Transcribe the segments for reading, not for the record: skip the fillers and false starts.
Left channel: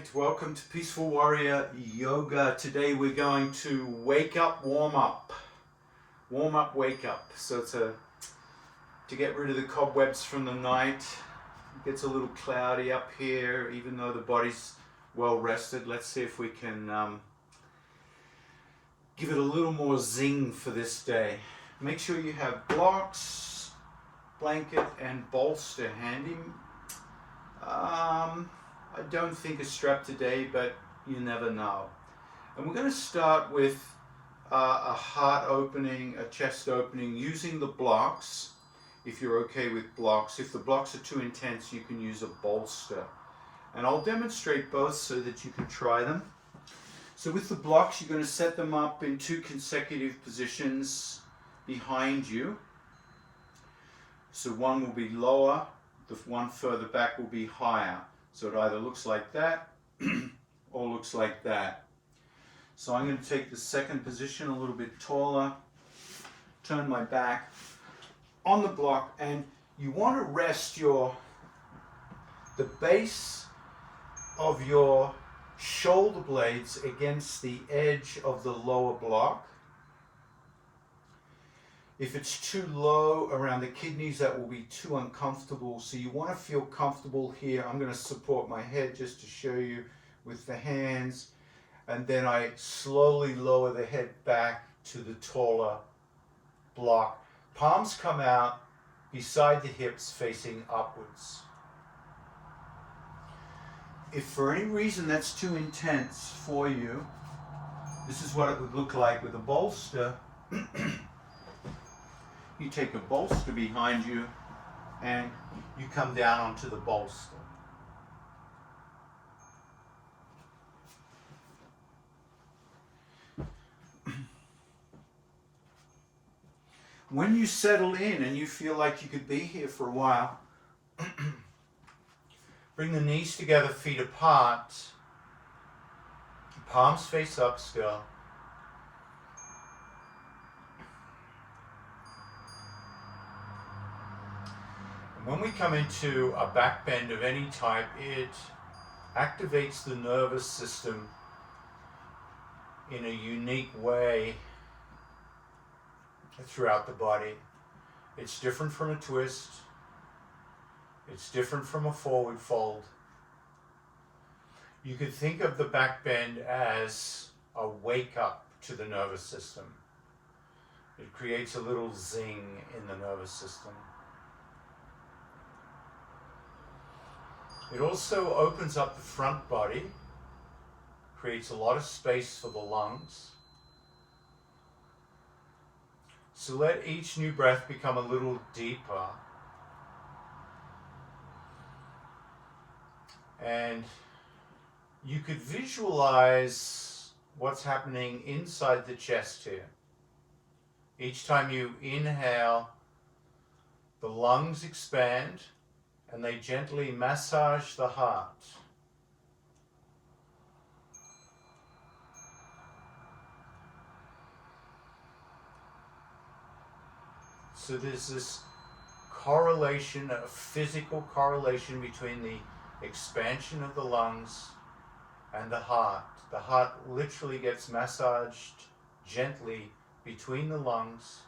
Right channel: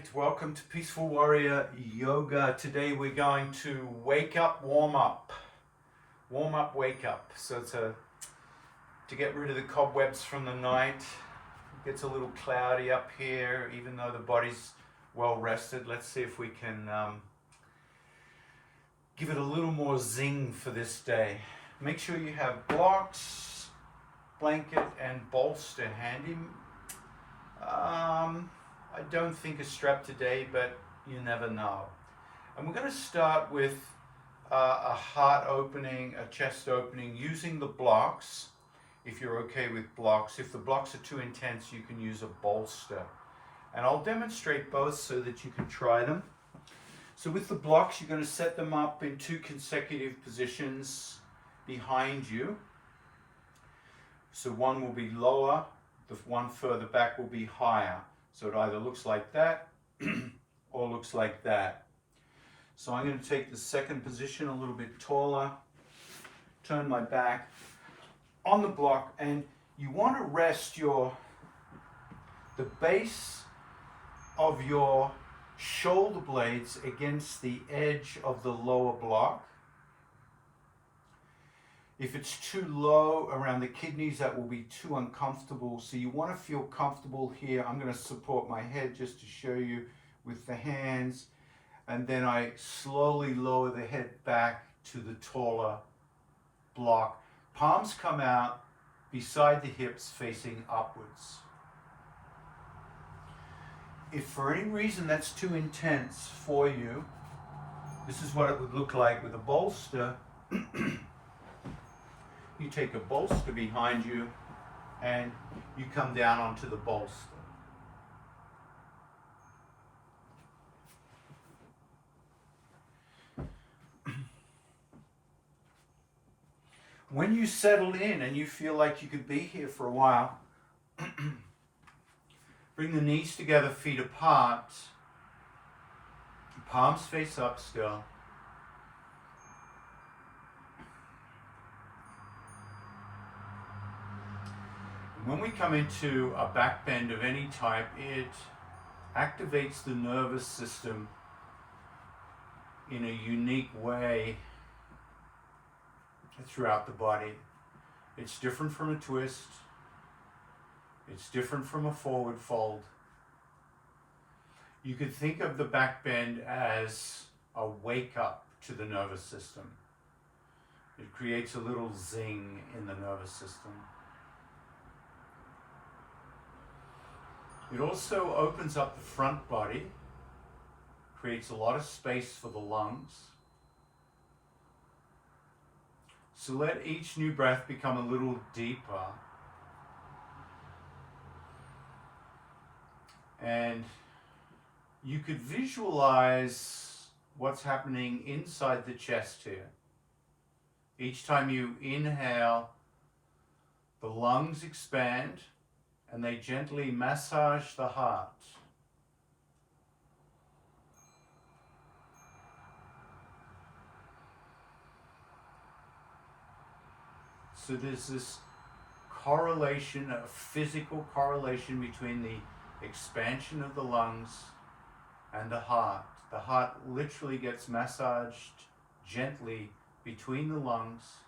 Right, welcome to Peaceful Warrior Yoga. Today we're going to wake up, warm up. Warm up, wake up. So to get rid of the cobwebs from the night. It gets a little cloudy up here, even though the body's well rested. Let's see if we can give it a little more zing for this day. Make sure you have blocks, blanket, and bolster handy. I don't think a strap today, but you never know. And we're going to start with a heart opening, a chest opening, using the blocks, if you're okay with blocks. If the blocks are too intense, you can use a bolster. And I'll demonstrate both so that you can try them. So with the blocks, you're going to set them up in 2 consecutive positions behind you. So one will be lower, the one further back will be higher. So it either looks like that or looks like that. So I'm going to take the second position a little bit taller, turn my back on the block, and you want to rest the base of your shoulder blades against the edge of the lower block. If it's too low around the kidneys, that will be too uncomfortable. So you want to feel comfortable here. I'm going to support my head just to show you with the hands. And then I slowly lower the head back to the taller block. Palms come out beside the hips facing upwards. If for any reason that's too intense for you, this is what it would look like with a bolster. You take a bolster behind you and you come down onto the bolster. When you settle in and you feel like you could be here for a while, bring the knees together, feet apart, palms face up still. When we come into a back bend of any type, it activates the nervous system in a unique way throughout the body. It's different from a twist. It's different from a forward fold. You could think of the back bend as a wake up to the nervous system. It creates a little zing in the nervous system. It also opens up the front body, creates a lot of space for the lungs. So let each new breath become a little deeper. And you could visualize what's happening inside the chest here. Each time you inhale, the lungs expand, and they gently massage the heart. So there's this correlation, a physical correlation between the expansion of the lungs and the heart. The heart literally gets massaged gently between the lungs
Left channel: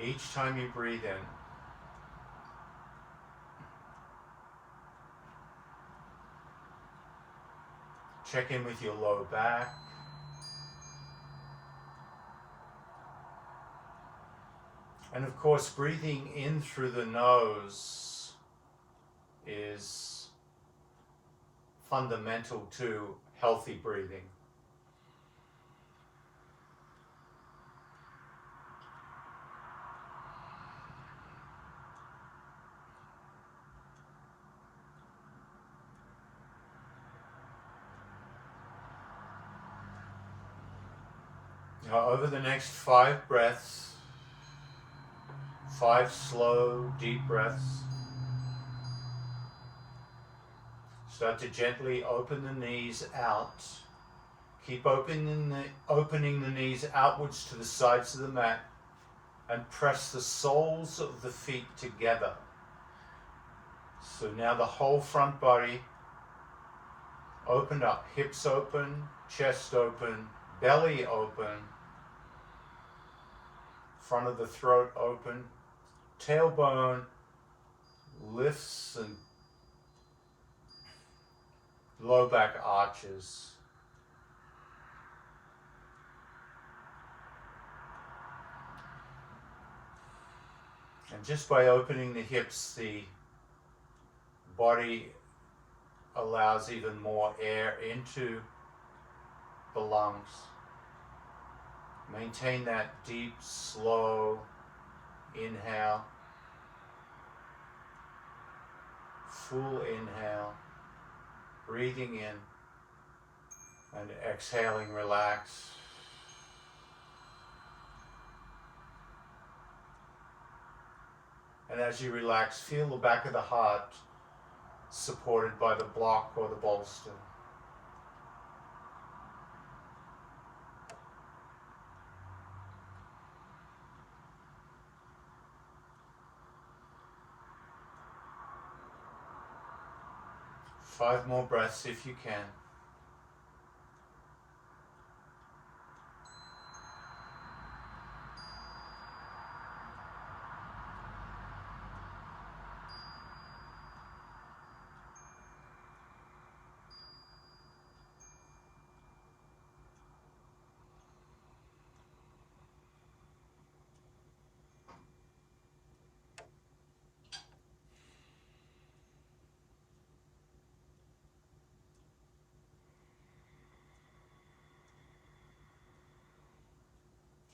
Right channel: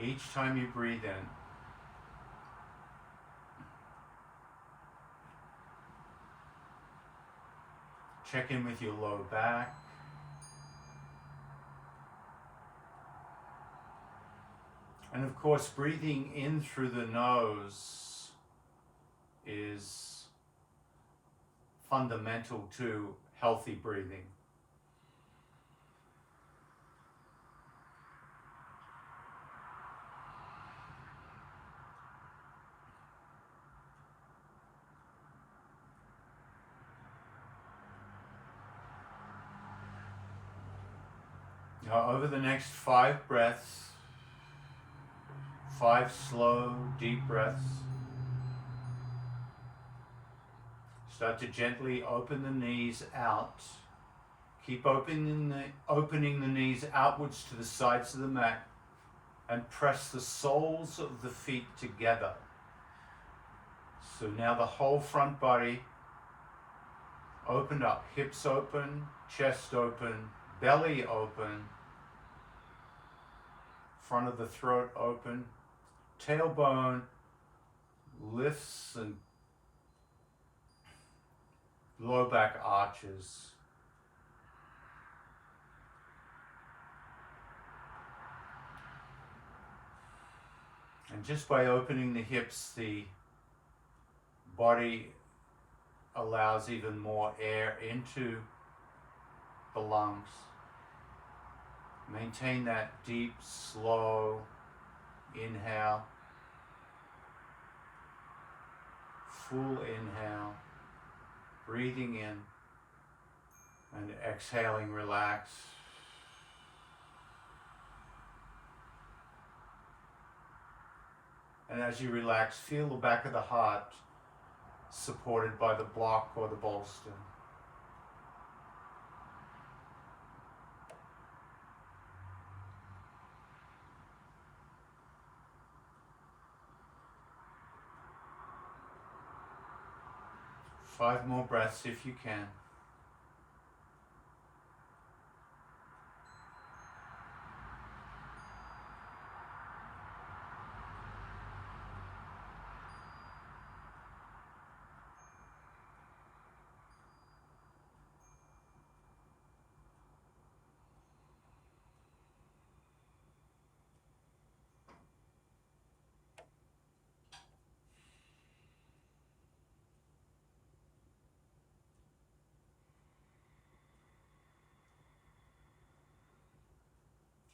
each time you breathe in. Check in with your low back. And of course, breathing in through the nose is fundamental to healthy breathing. Now, over the next 5 breaths, 5 slow, deep breaths, start to gently open the knees out. Keep opening the knees outwards to the sides of the mat and press the soles of the feet together. So now the whole front body Open up, hips open, chest open, belly open, front of the throat open, tailbone lifts and low back arches. And just by opening the hips, the body allows even more air into the lungs. Maintain that deep, slow inhale. Full inhale. Breathing in and exhaling, relax. And as you relax, feel the back of the heart supported by the block or the bolster. Five more breaths if you can.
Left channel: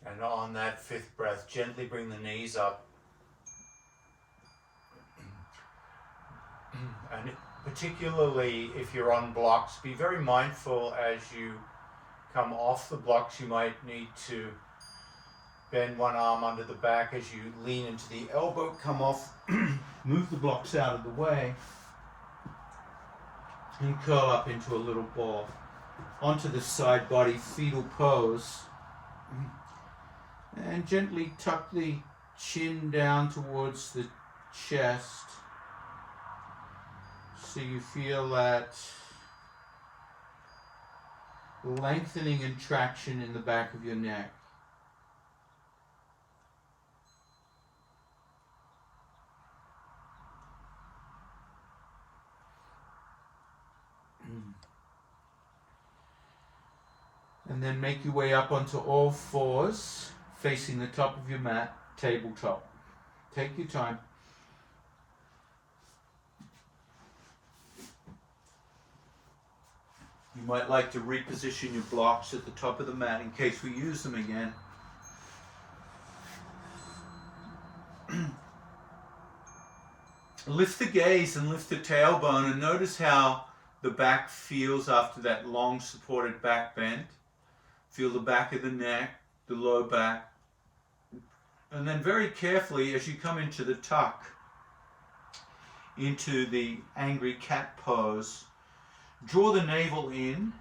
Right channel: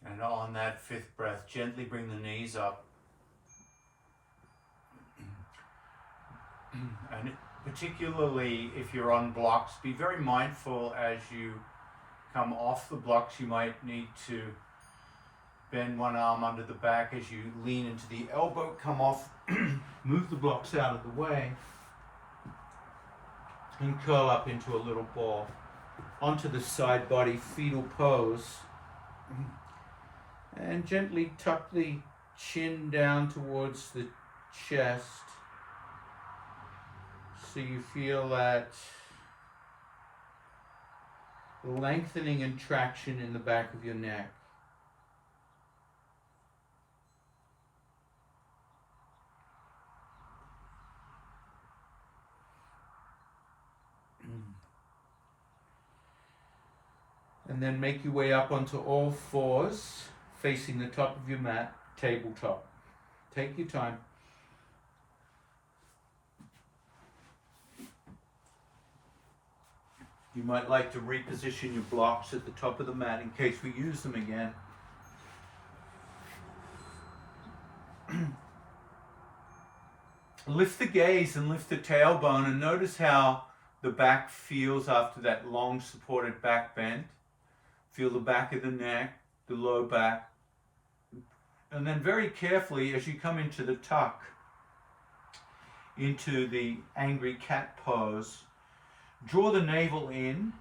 And on that fifth breath, gently bring the knees up. And particularly if you're on blocks, be very mindful as you come off the blocks. You might need to bend one arm under the back as you lean into the elbow, come off, move the blocks out of the way, and curl up into a little ball. Onto the side body fetal pose. And gently tuck the chin down towards the chest so you feel that lengthening and traction in the back of your neck. And then make your way up onto all fours, facing the top of your mat, tabletop. Take your time. You might like to reposition your blocks at the top of the mat in case we use them again. Lift the gaze and lift the tailbone and notice how the back feels after that long supported back bend. Feel the back of the neck, the low back. And then very carefully as you come into the tuck, into the angry cat pose, draw the navel in,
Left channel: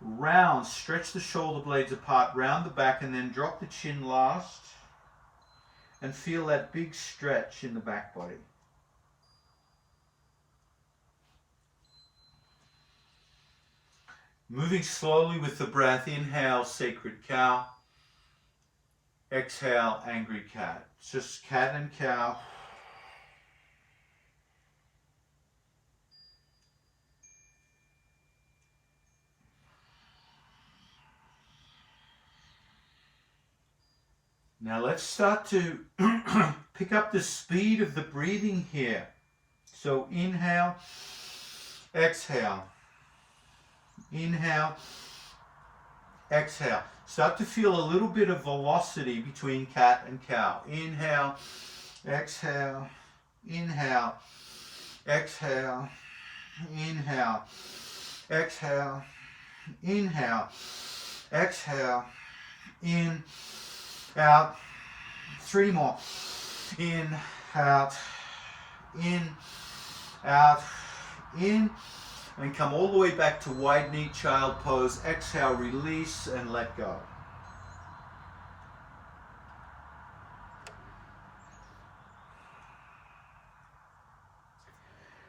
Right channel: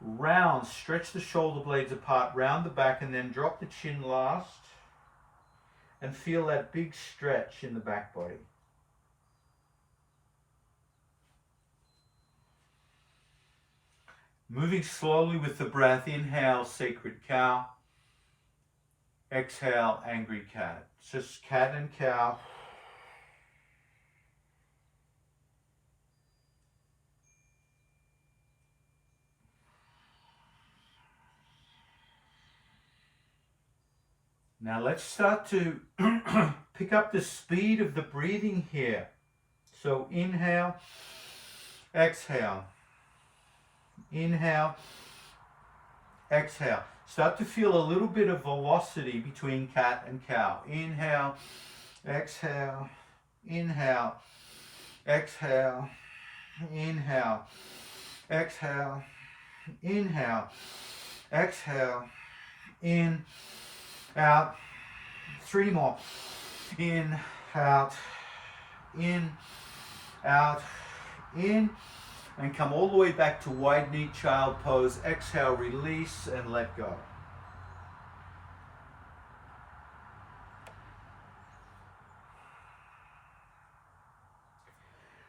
round, stretch the shoulder blades apart, round the back, and then drop the chin last. And feel that big stretch in the back body. Moving slowly with the breath, inhale, sacred cow. Exhale, angry cat. Just cat and cow. Now let's start to pick up the speed of the breathing here. So inhale, exhale. Inhale, exhale. Start to feel a little bit of velocity between cat and cow. Inhale, exhale, inhale, exhale, inhale, exhale, inhale, exhale, in, out. 3 more. In, out, in, out, in. And come all the way back to wide knee child pose. Exhale, release, and let go.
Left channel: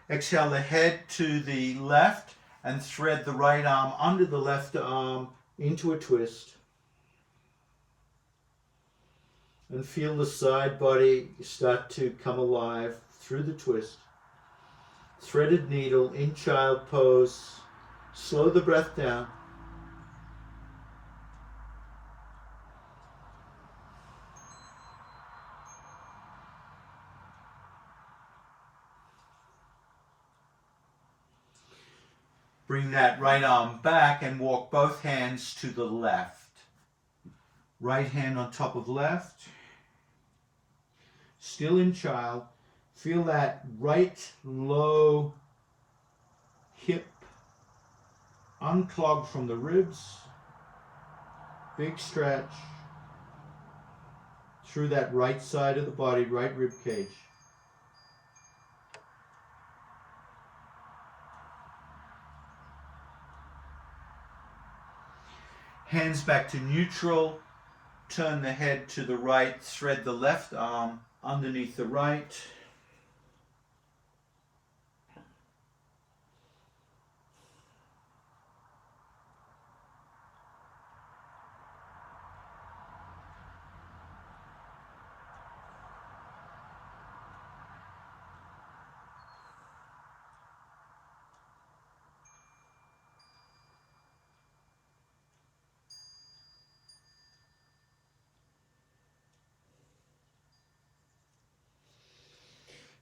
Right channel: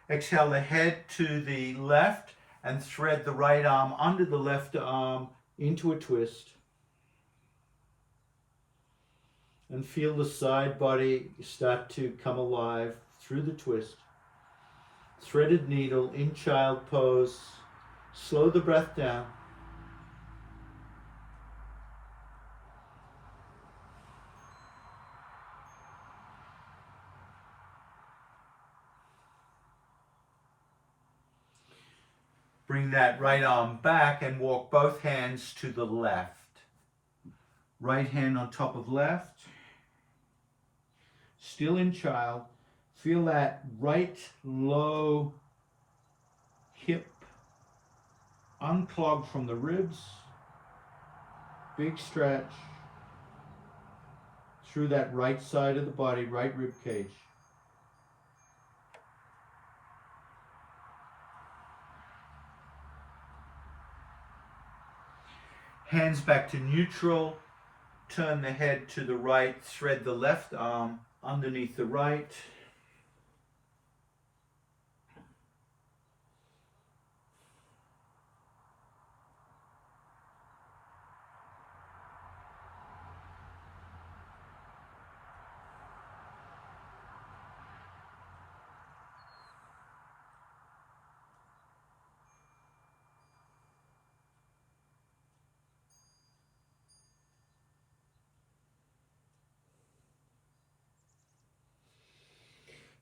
Exhale the head to the left and thread the right arm under the left arm into a twist. And feel the side body start to come alive through the twist. Threaded needle in child pose. Slow the breath down. Bring that right arm back and walk both hands to the left. Right hand on top of left. Still in child. Feel that right low hip unclogged from the ribs. Big stretch through that right side of the body, right rib cage. Hands back to neutral. Turn the head to the right. Thread the left arm underneath the right.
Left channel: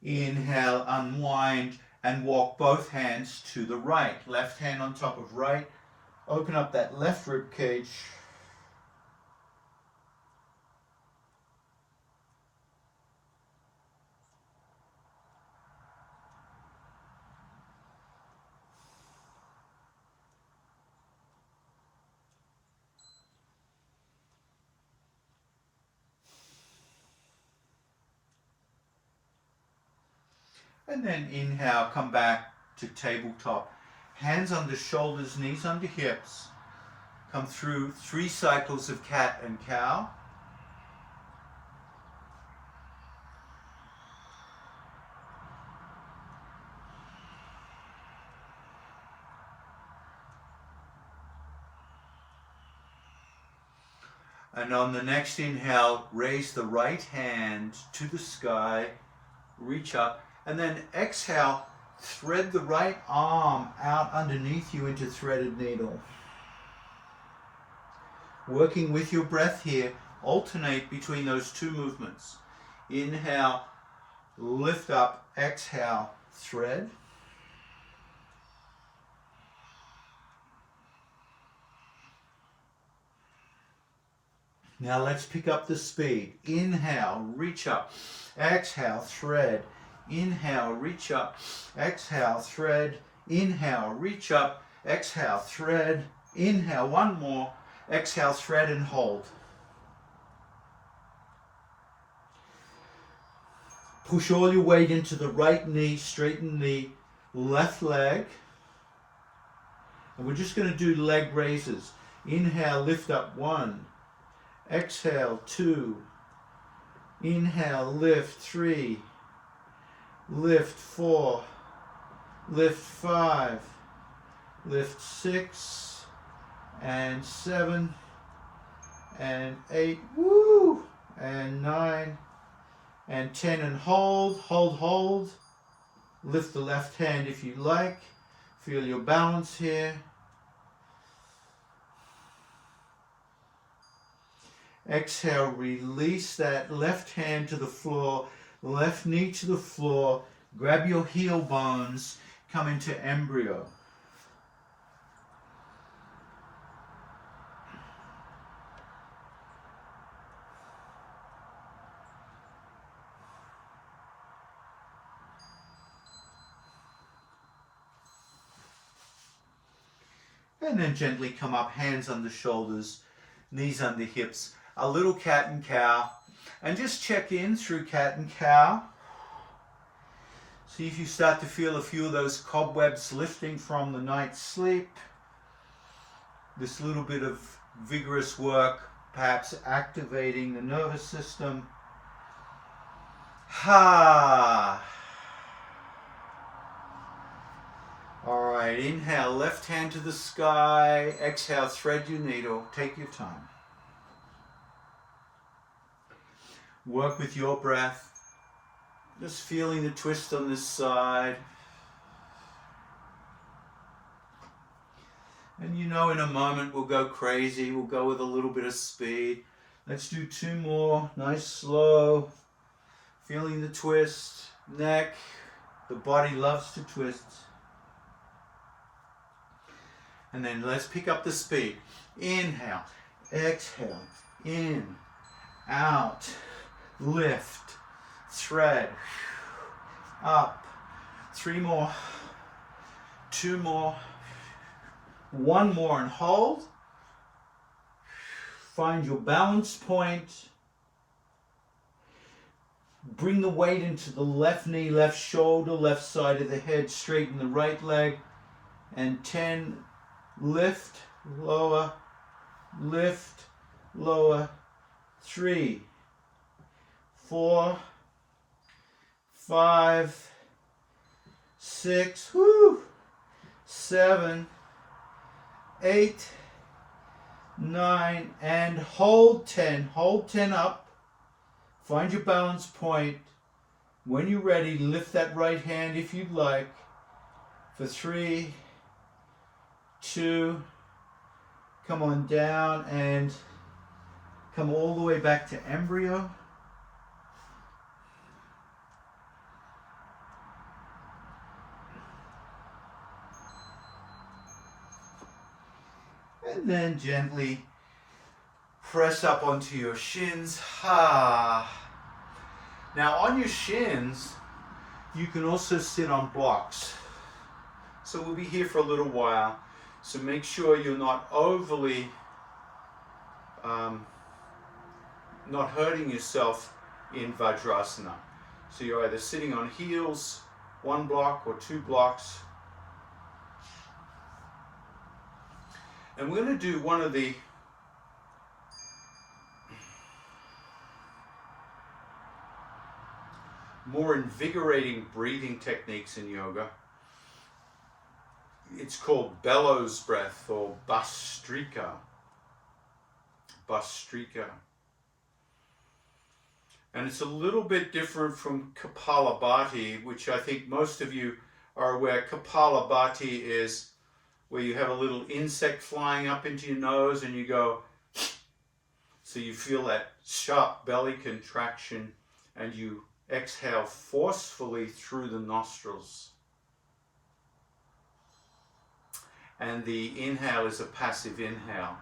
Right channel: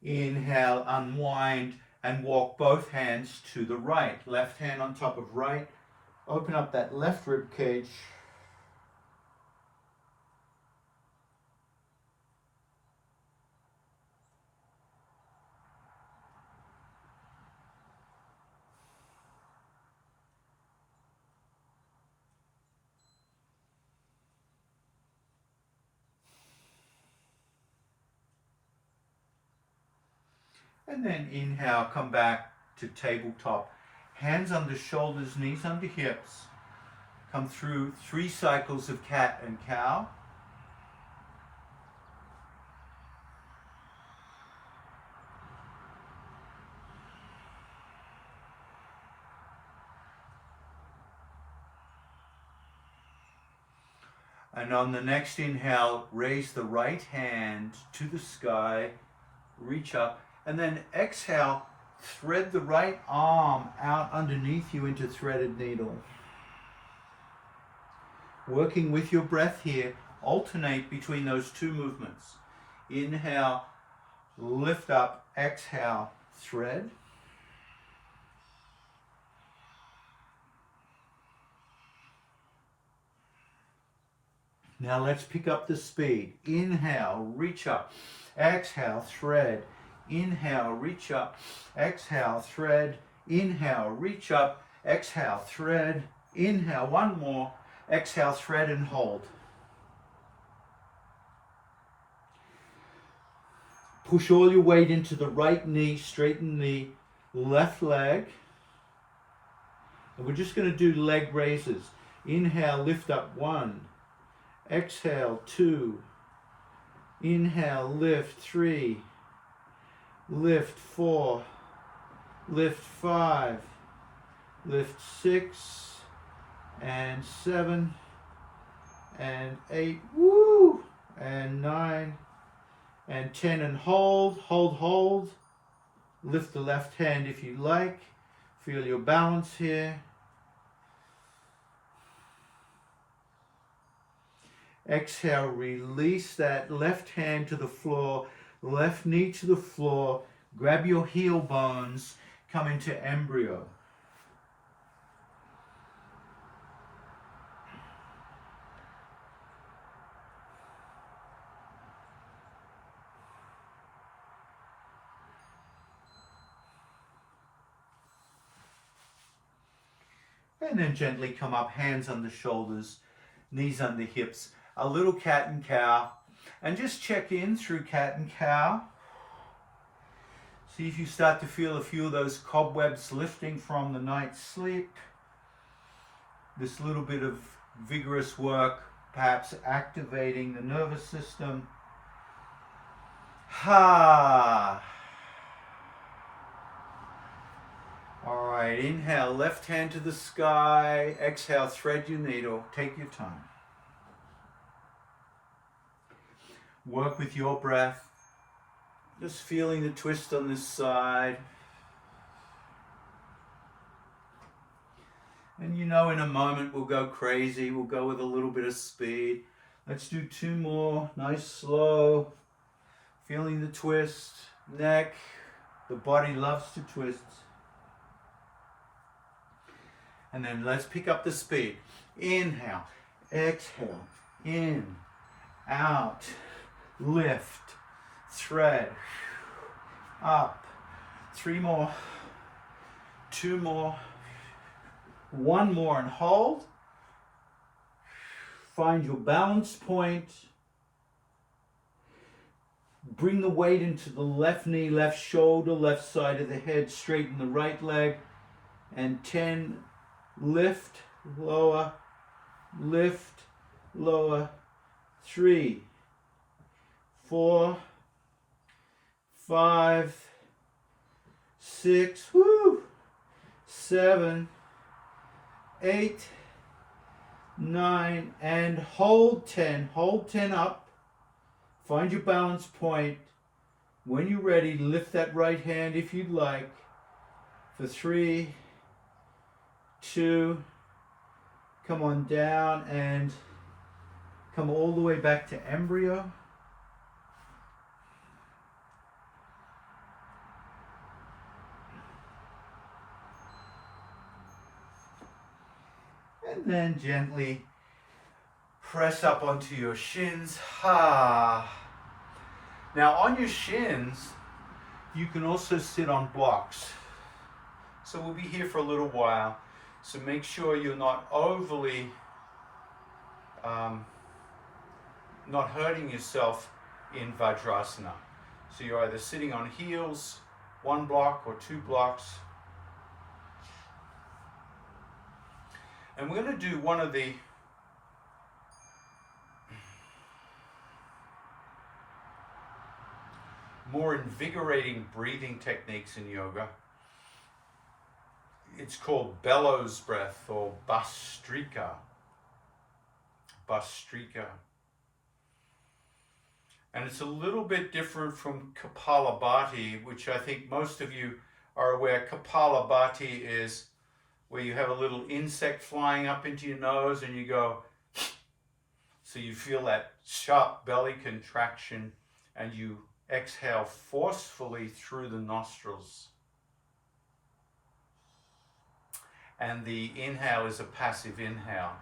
Inhale, unwind, and walk both hands to the right. Left hand on top of right. Open up that left rib cage. And then inhale, come back to tabletop. Hands under shoulders, knees under hips. Come through 3 cycles of cat and cow. And on the next inhale, raise the right hand to the sky, reach up. And then exhale, thread the right arm out underneath you into threaded needle. Working with your breath here, alternate between those 2 movements. Inhale, lift up, exhale, thread. Now let's pick up the speed. Inhale, reach up. Exhale, thread. Inhale, reach up. Exhale, thread. Inhale, reach up. Exhale, thread. Inhale, one more. Exhale, thread and hold. Push all your weight into the right knee, straighten the left leg. And we're just going to do leg raises. Inhale, lift up 1. Exhale, 2. Inhale, lift 3. Lift 4. Lift 5. Lift 6. And 7. And 8. Woo! And 9. And 10. And hold, hold, hold. Lift the left hand if you like. Feel your balance here. Exhale, release that left hand to the floor, left knee to the floor. Grab your heel bones, come into embryo. And then gently come up, hands under shoulders, knees under hips. A little cat and cow, and just check in through cat and cow. See if you start to feel a few of those cobwebs lifting from the night's sleep. This little bit of vigorous work, perhaps activating the nervous system. Ha! All right. right, inhale, left hand to the sky. Exhale, thread your needle. Take your time. Work with your breath. Just feeling the twist on this side. And you know, in a moment we'll go crazy. We'll go with a little bit of speed. Let's do 2 more. Nice, slow. Feeling the twist. Neck. The body loves to twist. And then let's pick up the speed. Inhale. Exhale. In. Out. Lift. Thread. Up. 3 more. 2 more. 1 more and hold. Find your balance point. Bring the weight into the left knee, left shoulder, left side of the head. Straighten the right leg. And 10. Lift, lower, lift, lower. 3, 4, 5, 6, 7, 8, 9, and hold 10. Hold 10 up. Find your balance point. When you're ready, lift that right hand if you'd like. For 3, 2, come on down and come all the way back to embryo. And then gently press up onto your shins. Now on your shins, you can also sit on blocks. So we'll be here for a little while. So make sure you're not overly, not hurting yourself in Vajrasana. So you're either sitting on heels, 1 block or 2 blocks. And we're going to do one of the more invigorating breathing techniques in yoga. It's called bellows breath or Bhastrika. Bhastrika. And it's a little bit different from Kapalabhati, which I think most of you are aware. Kapalabhati is where you have a little insect flying up into your nose and you go, so you feel that sharp belly contraction and you exhale forcefully through the nostrils. And the inhale is a passive inhale.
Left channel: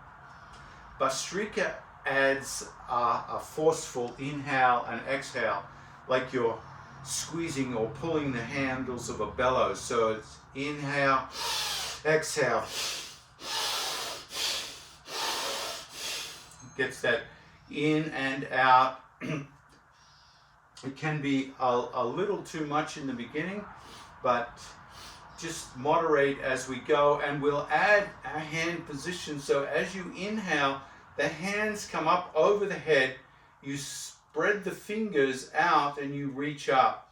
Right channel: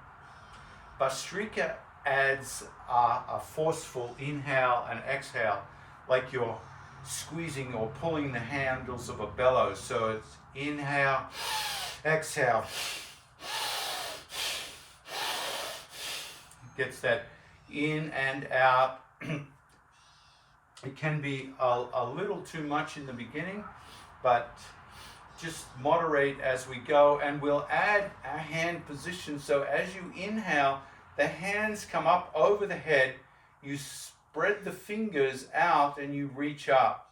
Bhastrika adds a forceful inhale and exhale, like you're squeezing or pulling the handles of a bellows. So it's inhale, exhale. Gets that in and out. It can be a little too much in the beginning, but just moderate as we go, and we'll add our hand position. So as you inhale, the hands come up over the head, you spread the fingers out and you reach up.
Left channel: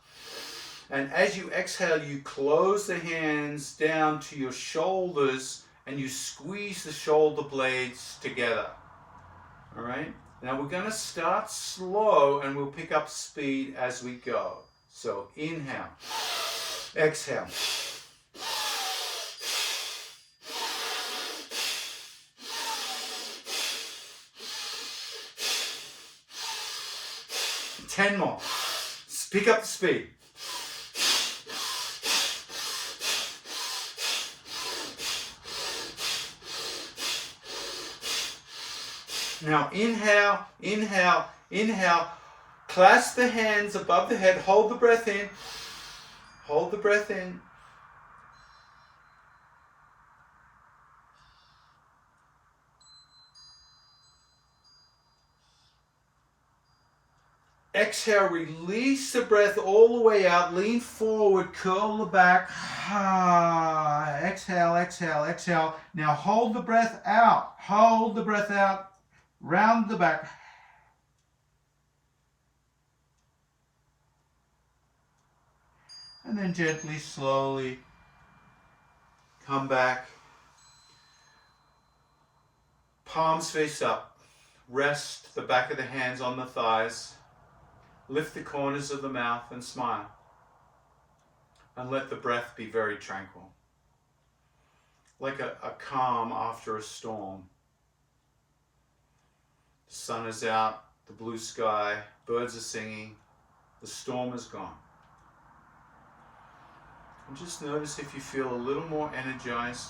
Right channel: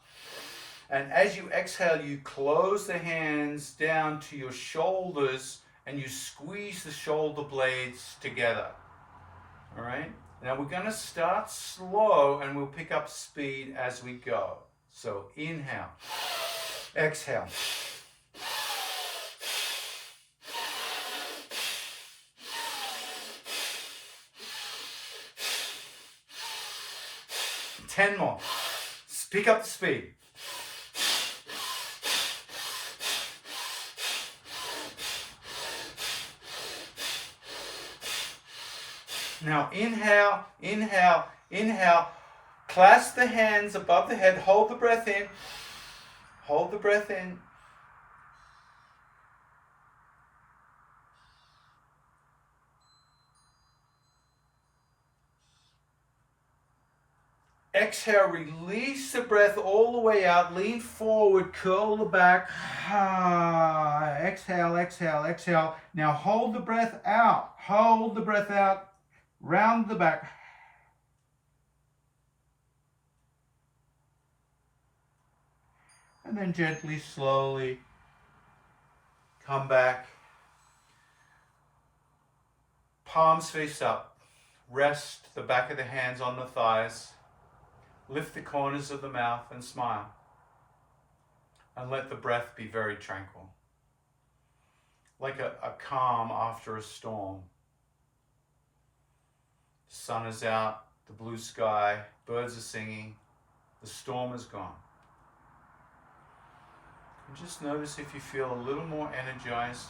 And as you exhale, you close the hands down to your shoulders and you squeeze the shoulder blades together. All right? Now we're going to start slow and we'll pick up speed as we go. So inhale, exhale. Ten more. Pick up the speed. Now inhale, inhale, inhale. Clasp the hands above the head. Hold the breath in. Hold the breath in. Exhale, release the breath all the way out. Lean forward, curl the back. Exhale, exhale, exhale. Now hold the breath out. Hold the breath out. Round the back. And then gently, slowly Come back. Palms face up. Rest the back of the hands on the thighs. Lift the corners of the mouth and smile. And let the breath be very tranquil. Like a calm after a storm. The sun is out, the blue sky, birds are singing, the storm is gone. And just notice if you feel a little more energized.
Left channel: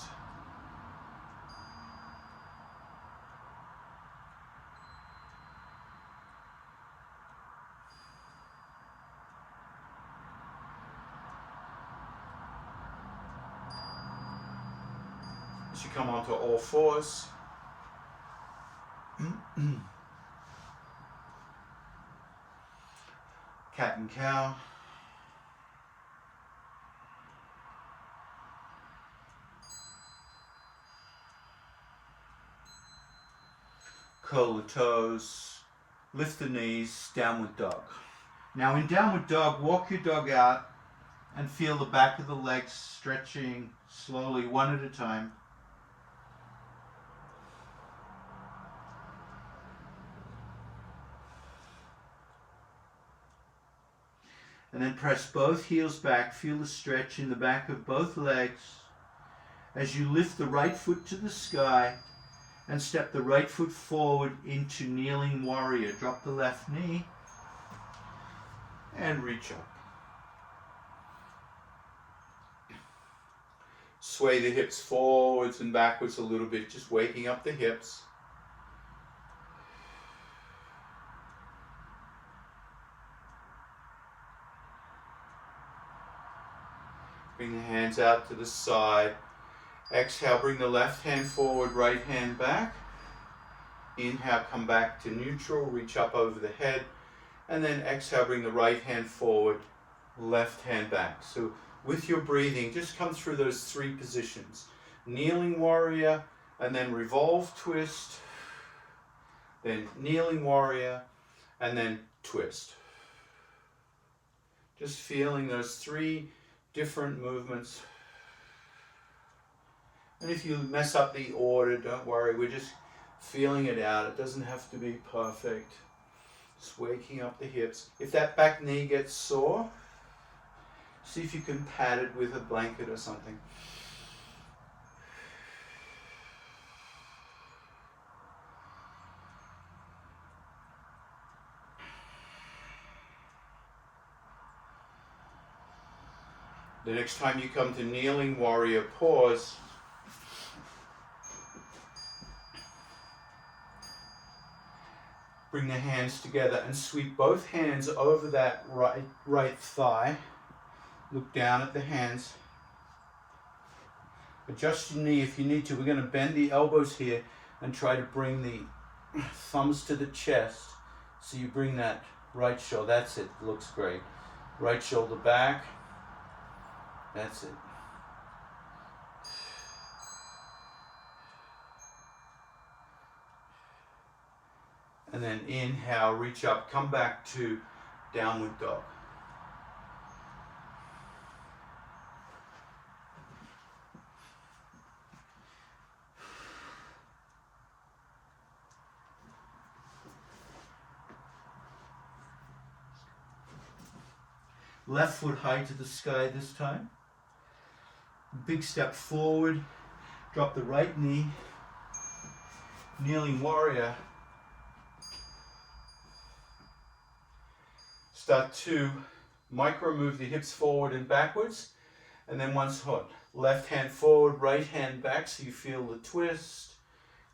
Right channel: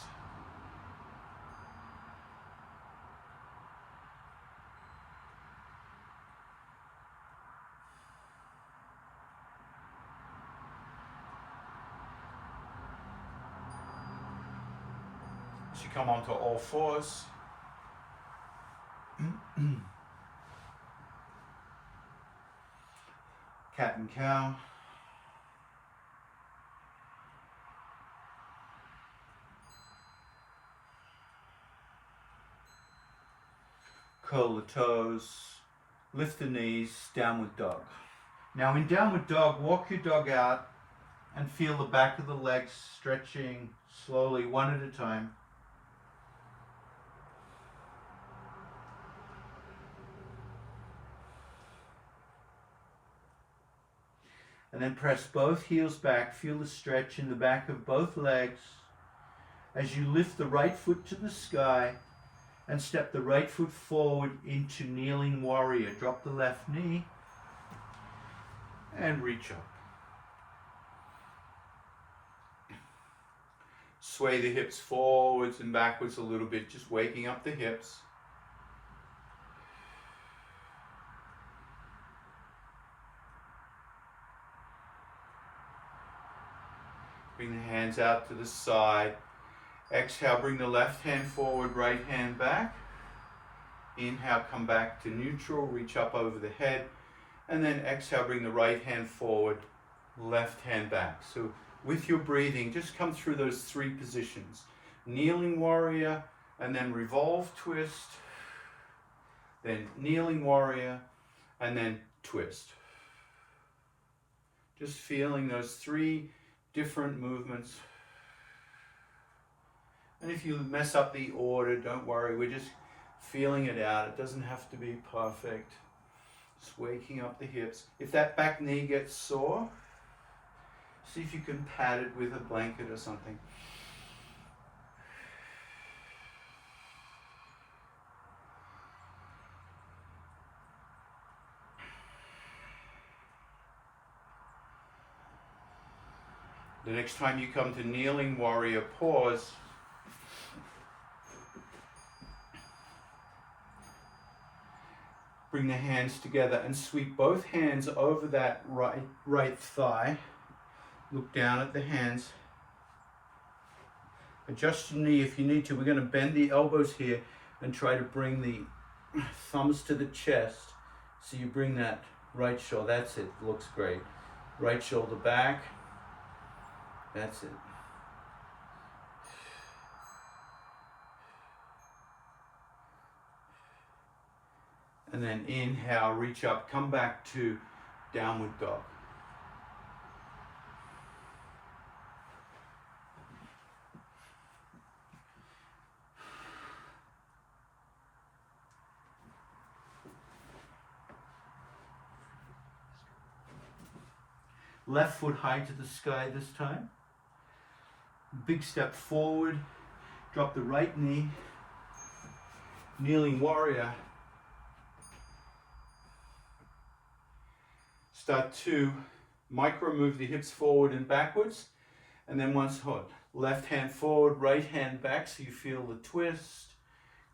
As you come onto all fours. Cat and cow. Curl the toes. Lift the knees. Downward dog. Now in downward dog, walk your dog out and feel the back of the legs stretching slowly, one at a time. And then press both heels back. Feel the stretch in the back of both legs as you lift the right foot to the sky and step the right foot forward into kneeling warrior. Drop the left knee and reach up. Sway the hips forwards and backwards a little bit, just waking up the hips. Bring the hands out to the side. Exhale, bring the left hand forward, right hand back. Inhale, come back to neutral, reach up over the head. And then exhale, bring the right hand forward, left hand back. So with your breathing, just come through those three positions. Kneeling warrior, and then revolve, twist. Then kneeling warrior, and then twist. Just feeling those three different movements. And if you mess up the order, don't worry, we're just feeling it out. It doesn't have to be perfect. Just waking up the hips. If that back knee gets sore, see if you can pad it with a blanket or something. The next time you come to kneeling warrior, pause. Bring the hands together and sweep both hands over that right thigh. Look down at the hands. Adjust your knee if you need to. We're going to bend the elbows here and try to bring the thumbs to the chest. So you bring that right shoulder. That's it. Looks great. Right shoulder back. That's it. And then inhale, reach up, come back to downward dog. Left foot high to the sky this time. Big step forward. Drop the right knee. Kneeling warrior. Start to micro move the hips forward and backwards. And then once hot. Left hand forward, right hand back so you feel the twist.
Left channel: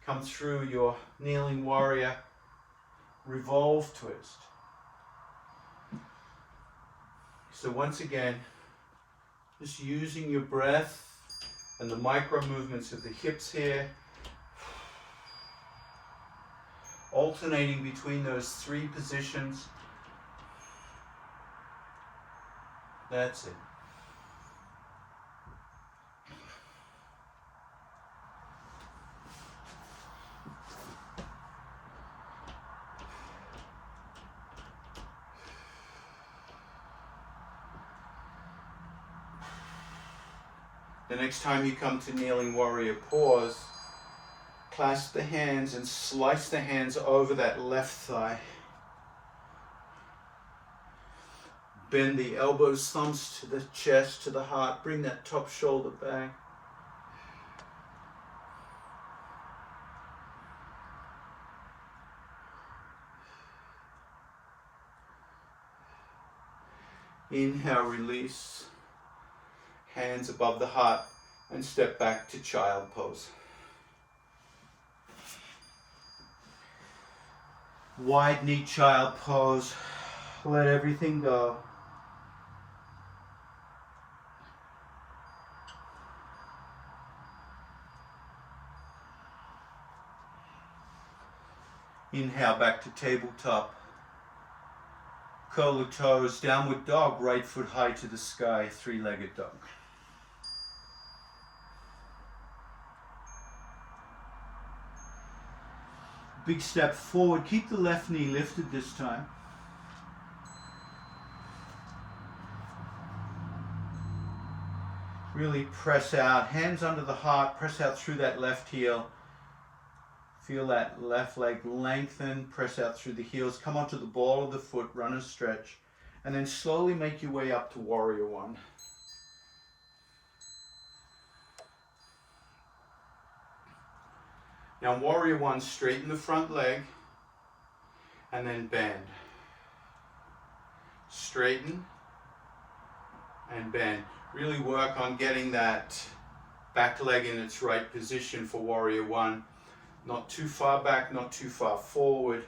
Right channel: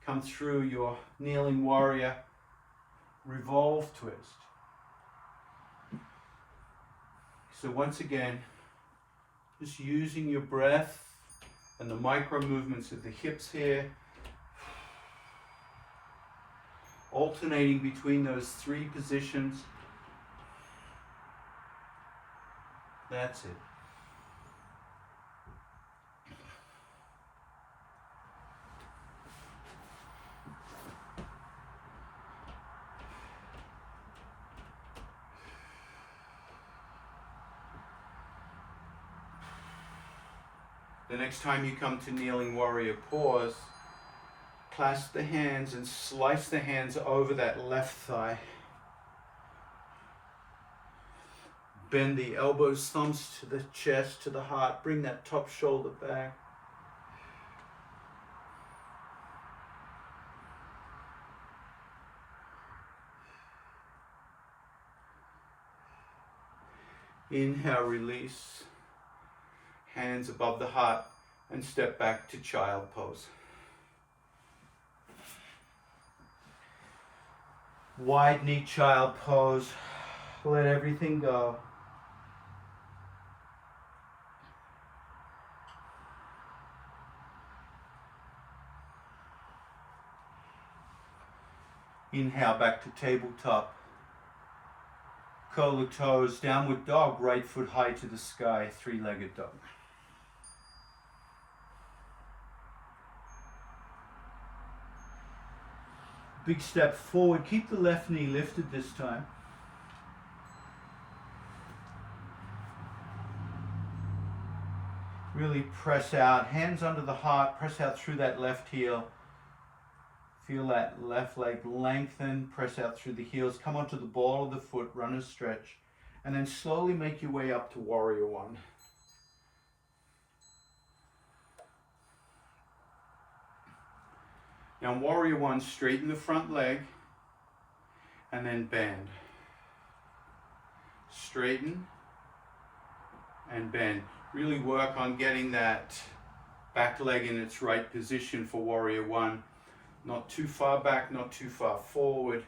Come through your kneeling warrior. Revolve twist. So once again, just using your breath and the micro movements of the hips here, alternating between those three positions. That's it. The next time you come to kneeling warrior pause, clasp the hands and slice the hands over that left thigh. Bend the elbows, thumbs to the chest, to the heart. Bring that top shoulder back. Inhale, release. Hands above the heart and step back to child pose. Wide knee child pose. Let everything go. Inhale back to tabletop. Curl the toes, downward dog, right foot high to the sky, three-legged dog. Big step forward, keep the left knee lifted this time. Really press out, hands under the heart, press out through that left heel. Feel that left leg lengthen, press out through the heels, come onto the ball of the foot, runner's stretch, and then slowly make your way up to warrior one. Now warrior one, straighten the front leg, and then bend. Straighten and bend. Really work on getting that back leg in its right position for warrior one. Not too far back, not too far forward.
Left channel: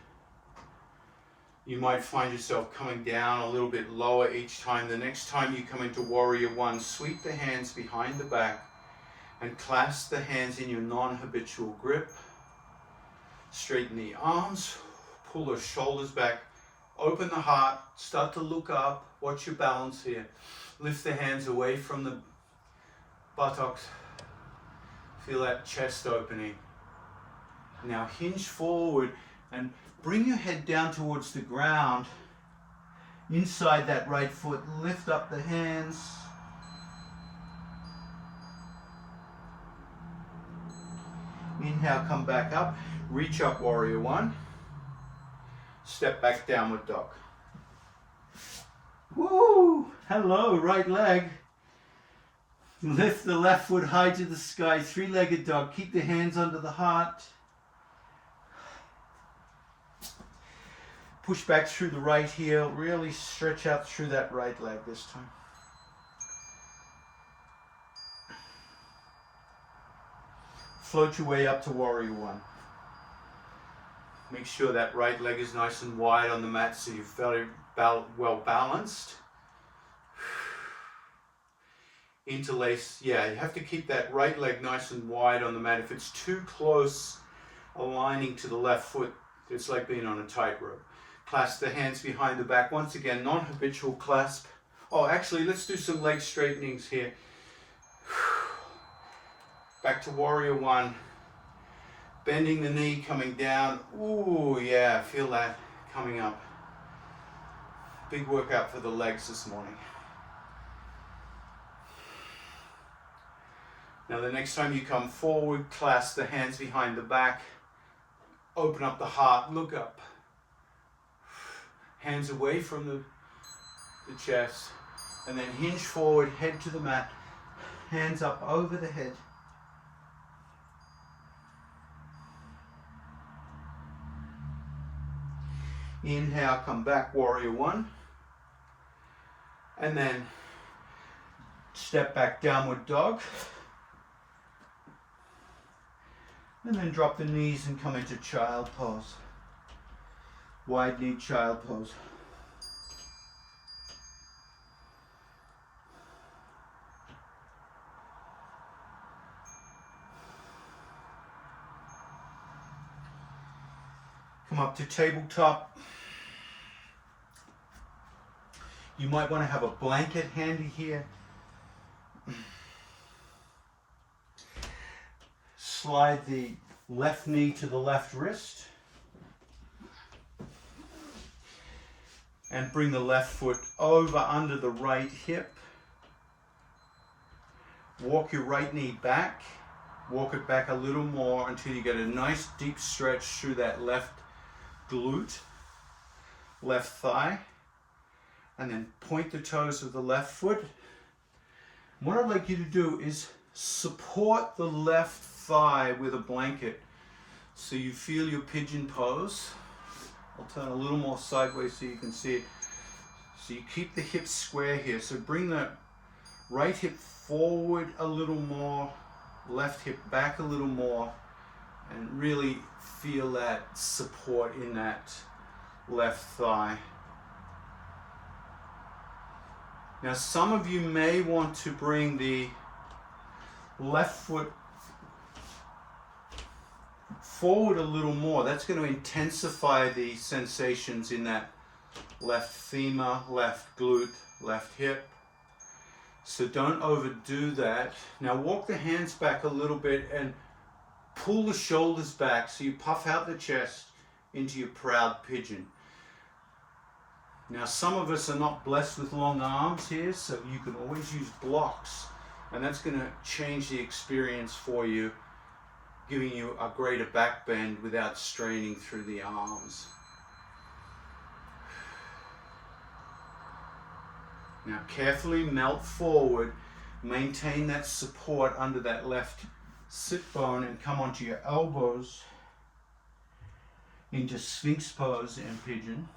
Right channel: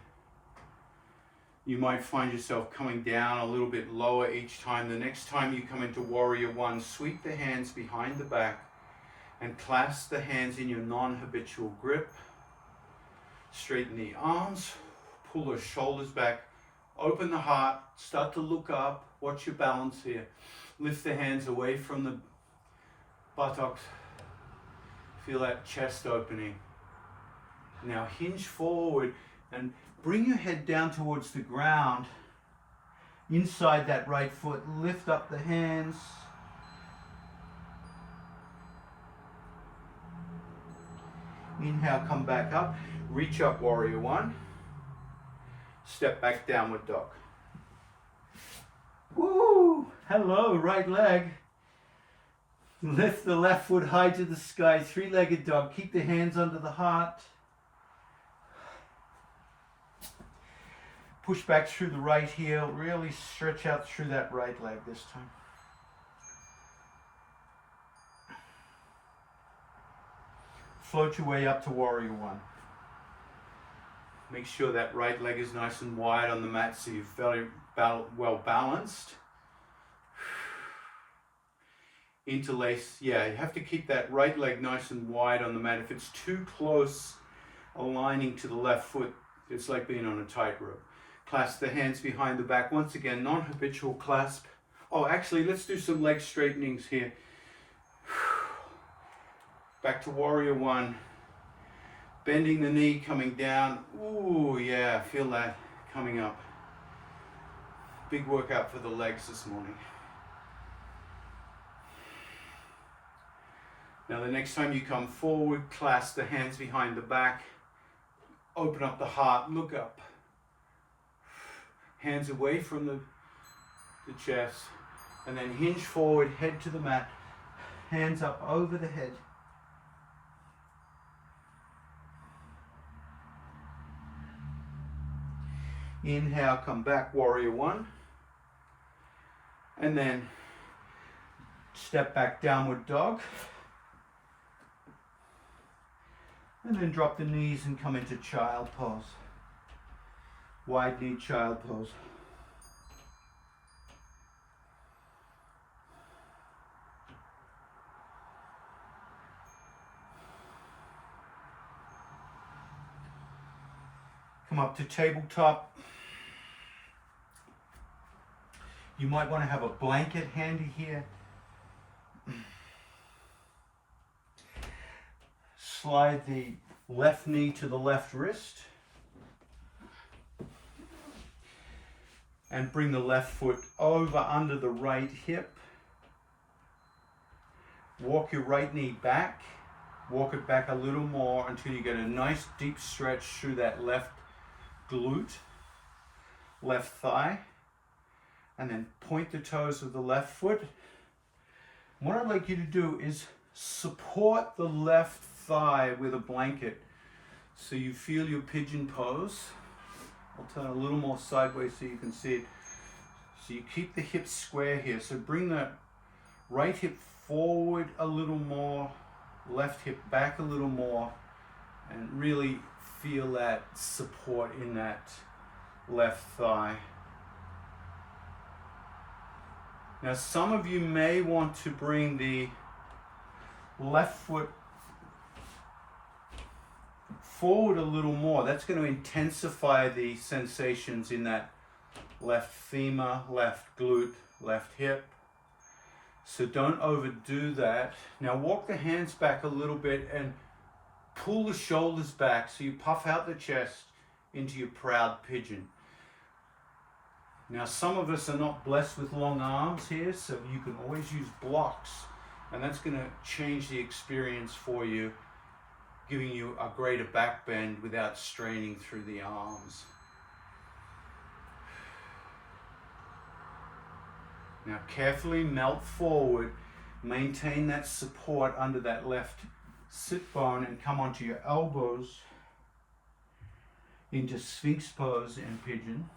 You might find yourself coming down a little bit lower each time. The next time you come into warrior one, sweep the hands behind the back and clasp the hands in your non-habitual grip. Straighten the arms, pull the shoulders back, open the heart, start to look up, watch your balance here. Lift the hands away from the buttocks. Feel that chest opening. Now hinge forward and bring your head down towards the ground. Inside that right foot, lift up the hands. Inhale, come back up. Reach up, warrior one. Step back, downward dog. Woo! Hello, right leg. Lift the left foot high to the sky, three-legged dog. Keep the hands under the heart. Push back through the right heel. Really stretch out through that right leg this time. Float your way up to warrior one. Make sure that right leg is nice and wide on the mat so you're very well balanced. Interlace, yeah, you have to keep that right leg nice and wide on the mat. If it's too close aligning to the left foot, it's like being on a tightrope. Clasp the hands behind the back. Once again, non-habitual clasp. Oh, actually, let's do some leg straightenings here. Back to warrior one. Bending the knee, coming down. Ooh, yeah, feel that coming up. Big workout for the legs this morning. Now the next time you come forward, clasp the hands behind the back. Open up the heart, look up. Hands away from the chest. And then hinge forward, head to the mat. Hands up over the head. Inhale, come back, warrior one. And then step back, downward dog. And then drop the knees and come into child pose. Wide knee child pose. Come up to tabletop. You might want to have a blanket handy here. Slide the left knee to the left wrist. And bring the left foot over under the right hip. Walk your right knee back. Walk it back a little more until you get a nice deep stretch through that left glute, left thigh. And then point the toes of the left foot. What I'd like you to do is support the left thigh with a blanket so you feel your pigeon pose. I'll turn a little more sideways so you can see it. So you keep the hips square here. So bring the right hip forward a little more, left hip back a little more, and really feel that support in that left thigh. Now some of you may want to bring the left foot forward a little more. That's going to intensify the sensations in that left femur, left glute, left hip. So don't overdo that. Now walk the hands back a little bit and pull the shoulders back so you puff out the chest into your proud pigeon. Now some of us are not blessed with long arms here, so you can always use blocks, and that's going to change the experience for you, giving you a greater back bend without straining through the arms. Now carefully melt forward, maintain that support under that left sit bone, and come onto your elbows into Sphinx pose and pigeon.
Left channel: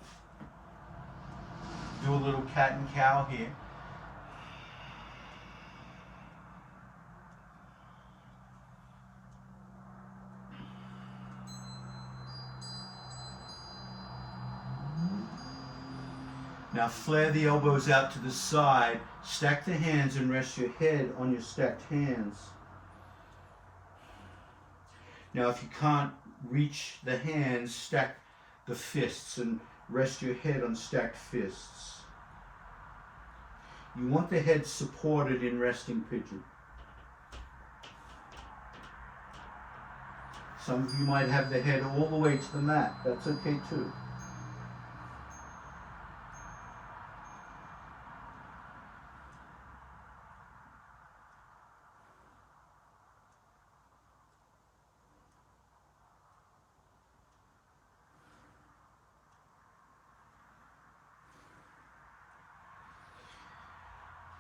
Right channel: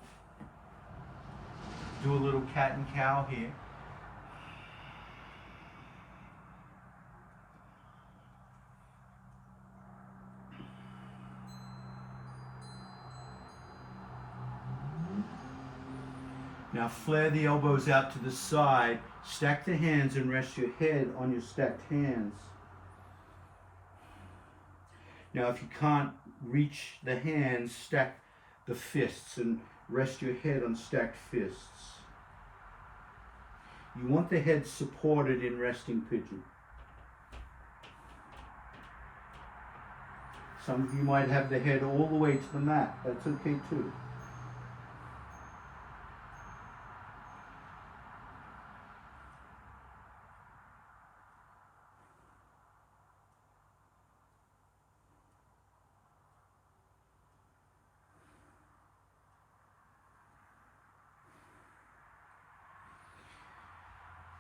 Do a little cat and cow here. Now flare the elbows out to the side, stack the hands and rest your head on your stacked hands. Now if you can't reach the hands, stack the fists and rest your head on stacked fists. You want the head supported in resting pigeon. Some of you might have the head all the way to the mat. That's okay too.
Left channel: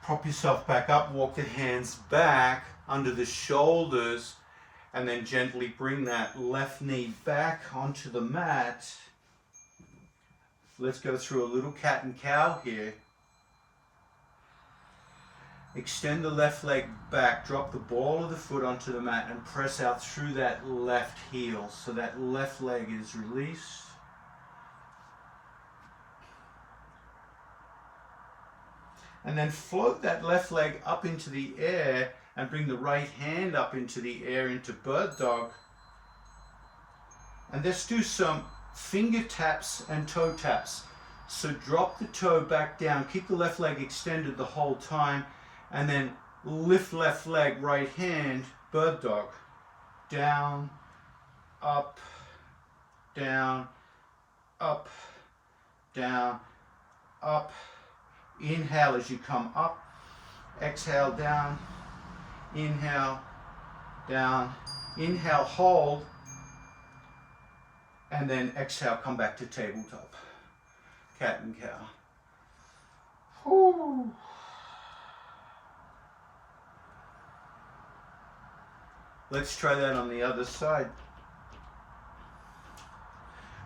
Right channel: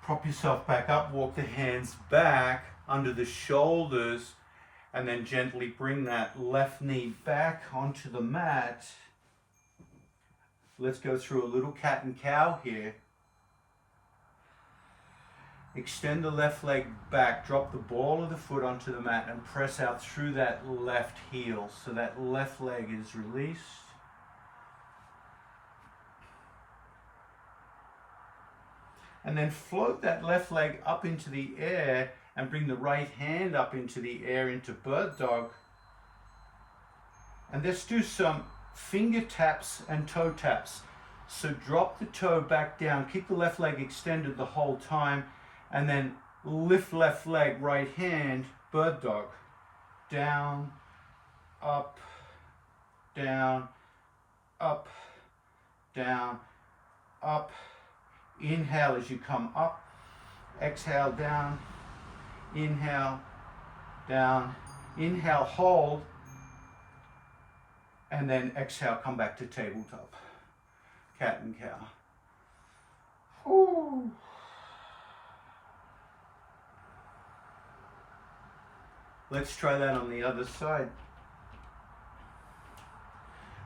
Prop yourself back up, walk the hands back under the shoulders, and then gently bring that left knee back onto the mat. Let's go through a little cat and cow here. Extend the left leg back, drop the ball of the foot onto the mat and press out through that left heel so that left leg is released. And then float that left leg up into the air and bring the right hand up into the air into bird dog. And let's do some finger taps and toe taps. So drop the toe back down, keep the left leg extended the whole time, and then lift left leg, right hand, bird dog. Down, up, down, up, down, up. Inhale as you come up, exhale down, inhale, down, inhale, hold, and then exhale, come back to tabletop. Cat and cow. Whew. Let's try that on the other side.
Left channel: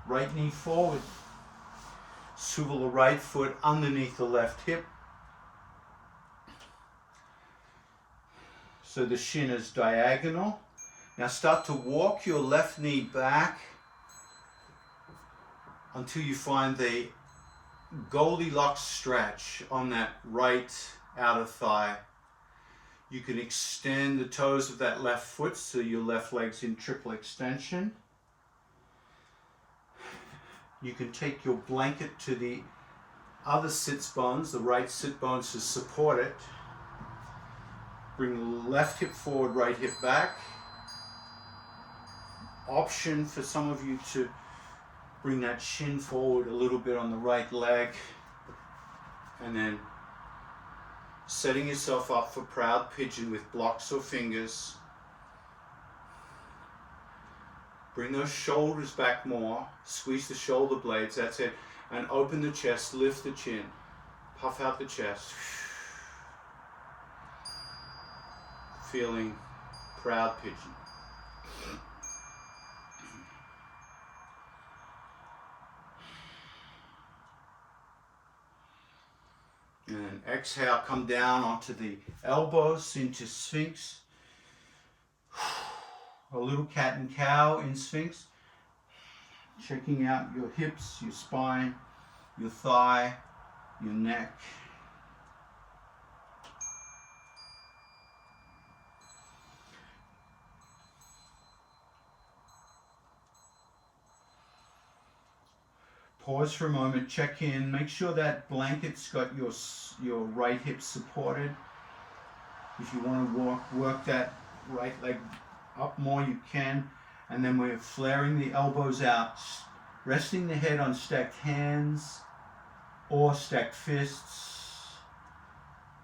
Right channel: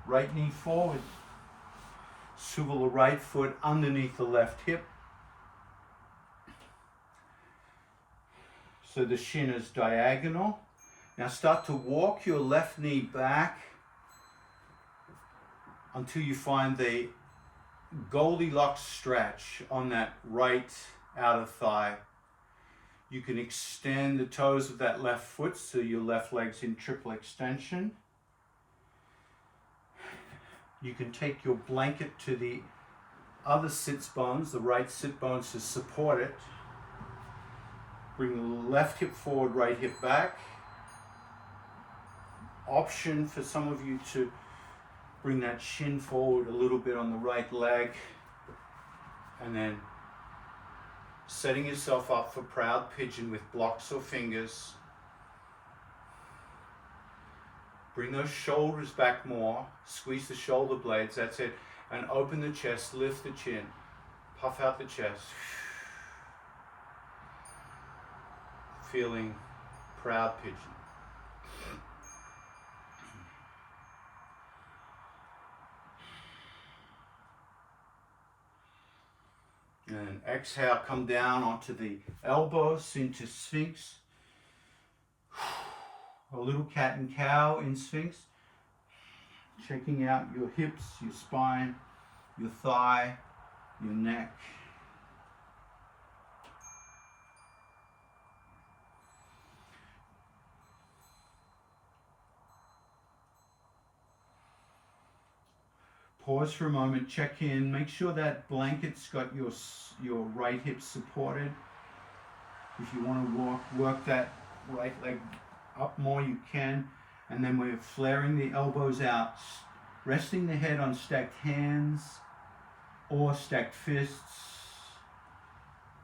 Right knee forward. Swivel the right foot underneath the left hip. So the shin is diagonal. Now start to walk your left knee back until you find the Goldilocks stretch on that right outer thigh. You can extend the toes of that left foot so your left leg's in triple extension. You can take your blanket to the other sits bones, the right sit bones, to support it. Bring the left hip forward, right hip back. Option for some of you to bring that shin forward a little bit on the right leg, and then setting yourself up for proud pigeon with blocks or fingers. Bring those shoulders back more, squeeze the shoulder blades, that's it, and open the chest, lift the chin, puff out the chest. Feeling proud pigeon. And exhale, come down onto the elbows into Sphinx. A little cat and cow in Sphinx. Checking out your hips, your spine, your thigh, your neck. Pause for a moment, check in, make sure that blanket's got your right hip supported. If you want to work that right leg up more, you can. And then we're flaring the elbows out, resting the head on stacked hands or stacked fists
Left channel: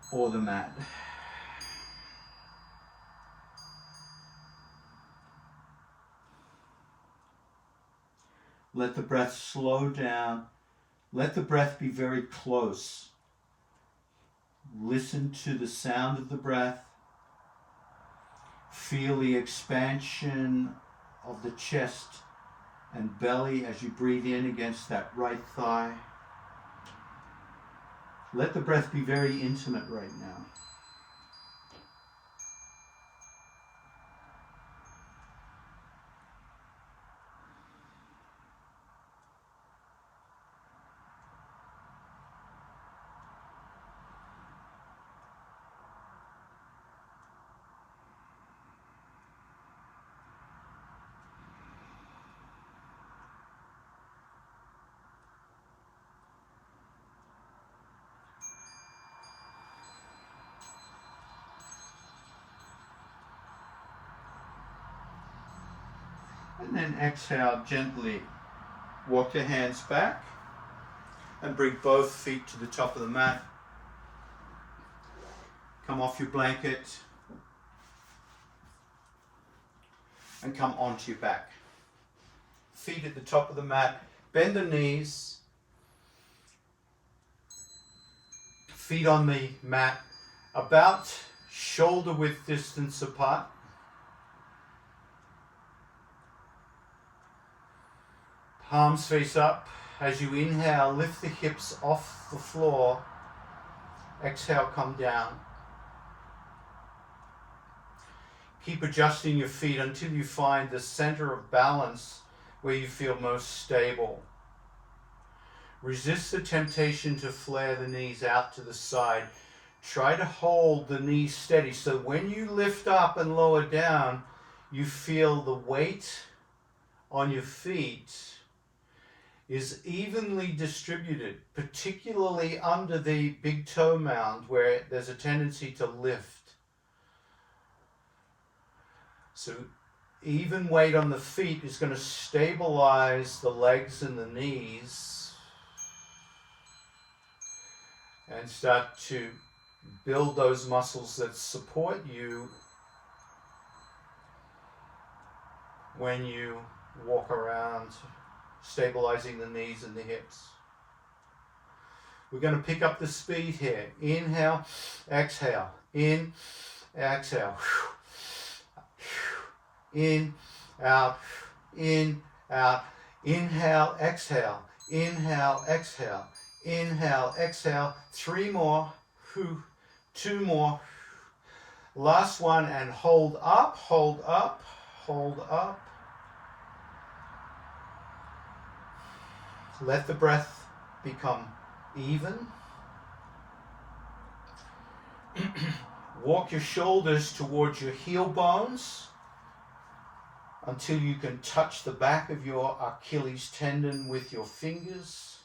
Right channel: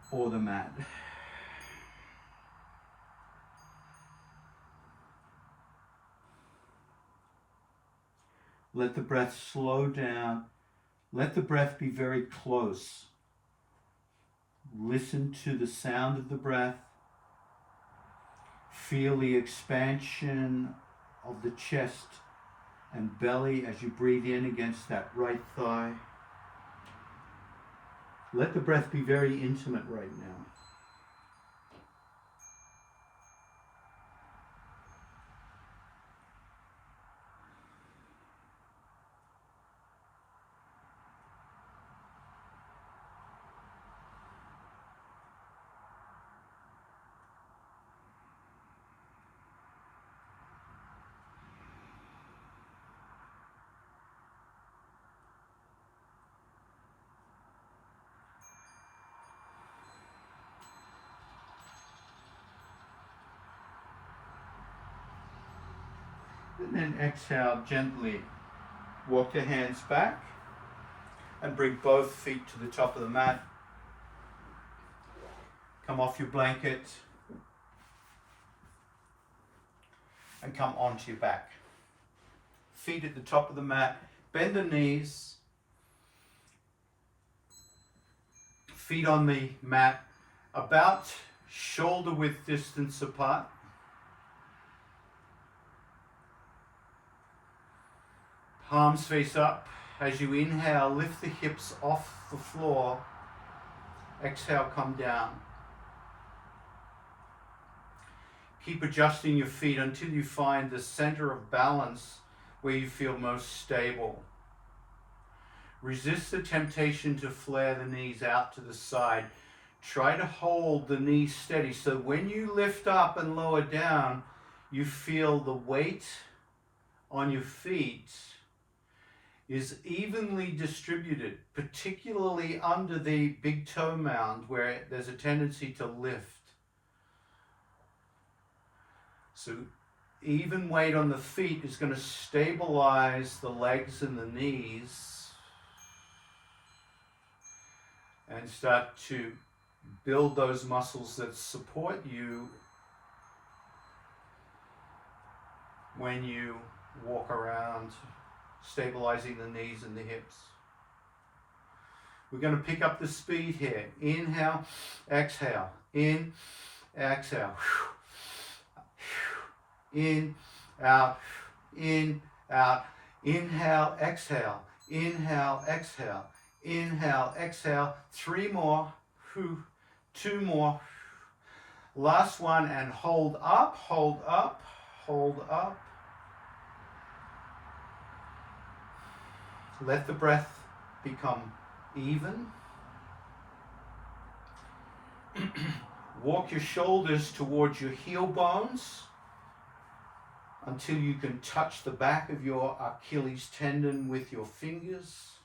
or the mat. Let the breath slow down. Let the breath be very close. Listen to the sound of the breath. Feel the expansion of the chest and belly as you breathe in against that right thigh. Let the breath be very intimate right now. And then exhale gently. Walk the hands back and bring both feet to the top of the mat. Come off your blanket and come onto your back. Feet at the top of the mat. Bend the knees. Feet on the mat about shoulder width distance apart. Palms face up. As you inhale, lift the hips off the floor. Exhale, come down. Keep adjusting your feet until you find the center of balance where you feel most stable. Resist the temptation to flare the knees out to the side. Try to hold the knees steady so when you lift up and lower down, you feel the weight on your feet is evenly distributed, particularly under the big toe mound where there's a tendency to lift. So even weight on the feet is going to stabilize the legs and the knees and start to build those muscles that support you when you walk around, stabilizing the knees and the hips. We're going to pick up the speed here. Inhale, exhale. In, exhale. In, out, inhale, exhale, inhale, exhale, inhale, exhale, 3 more, 2 more, last one, and hold up, hold up, hold up. Let the breath become even. Walk your shoulders towards your heel bones until you can touch the back of your Achilles tendon with your fingers.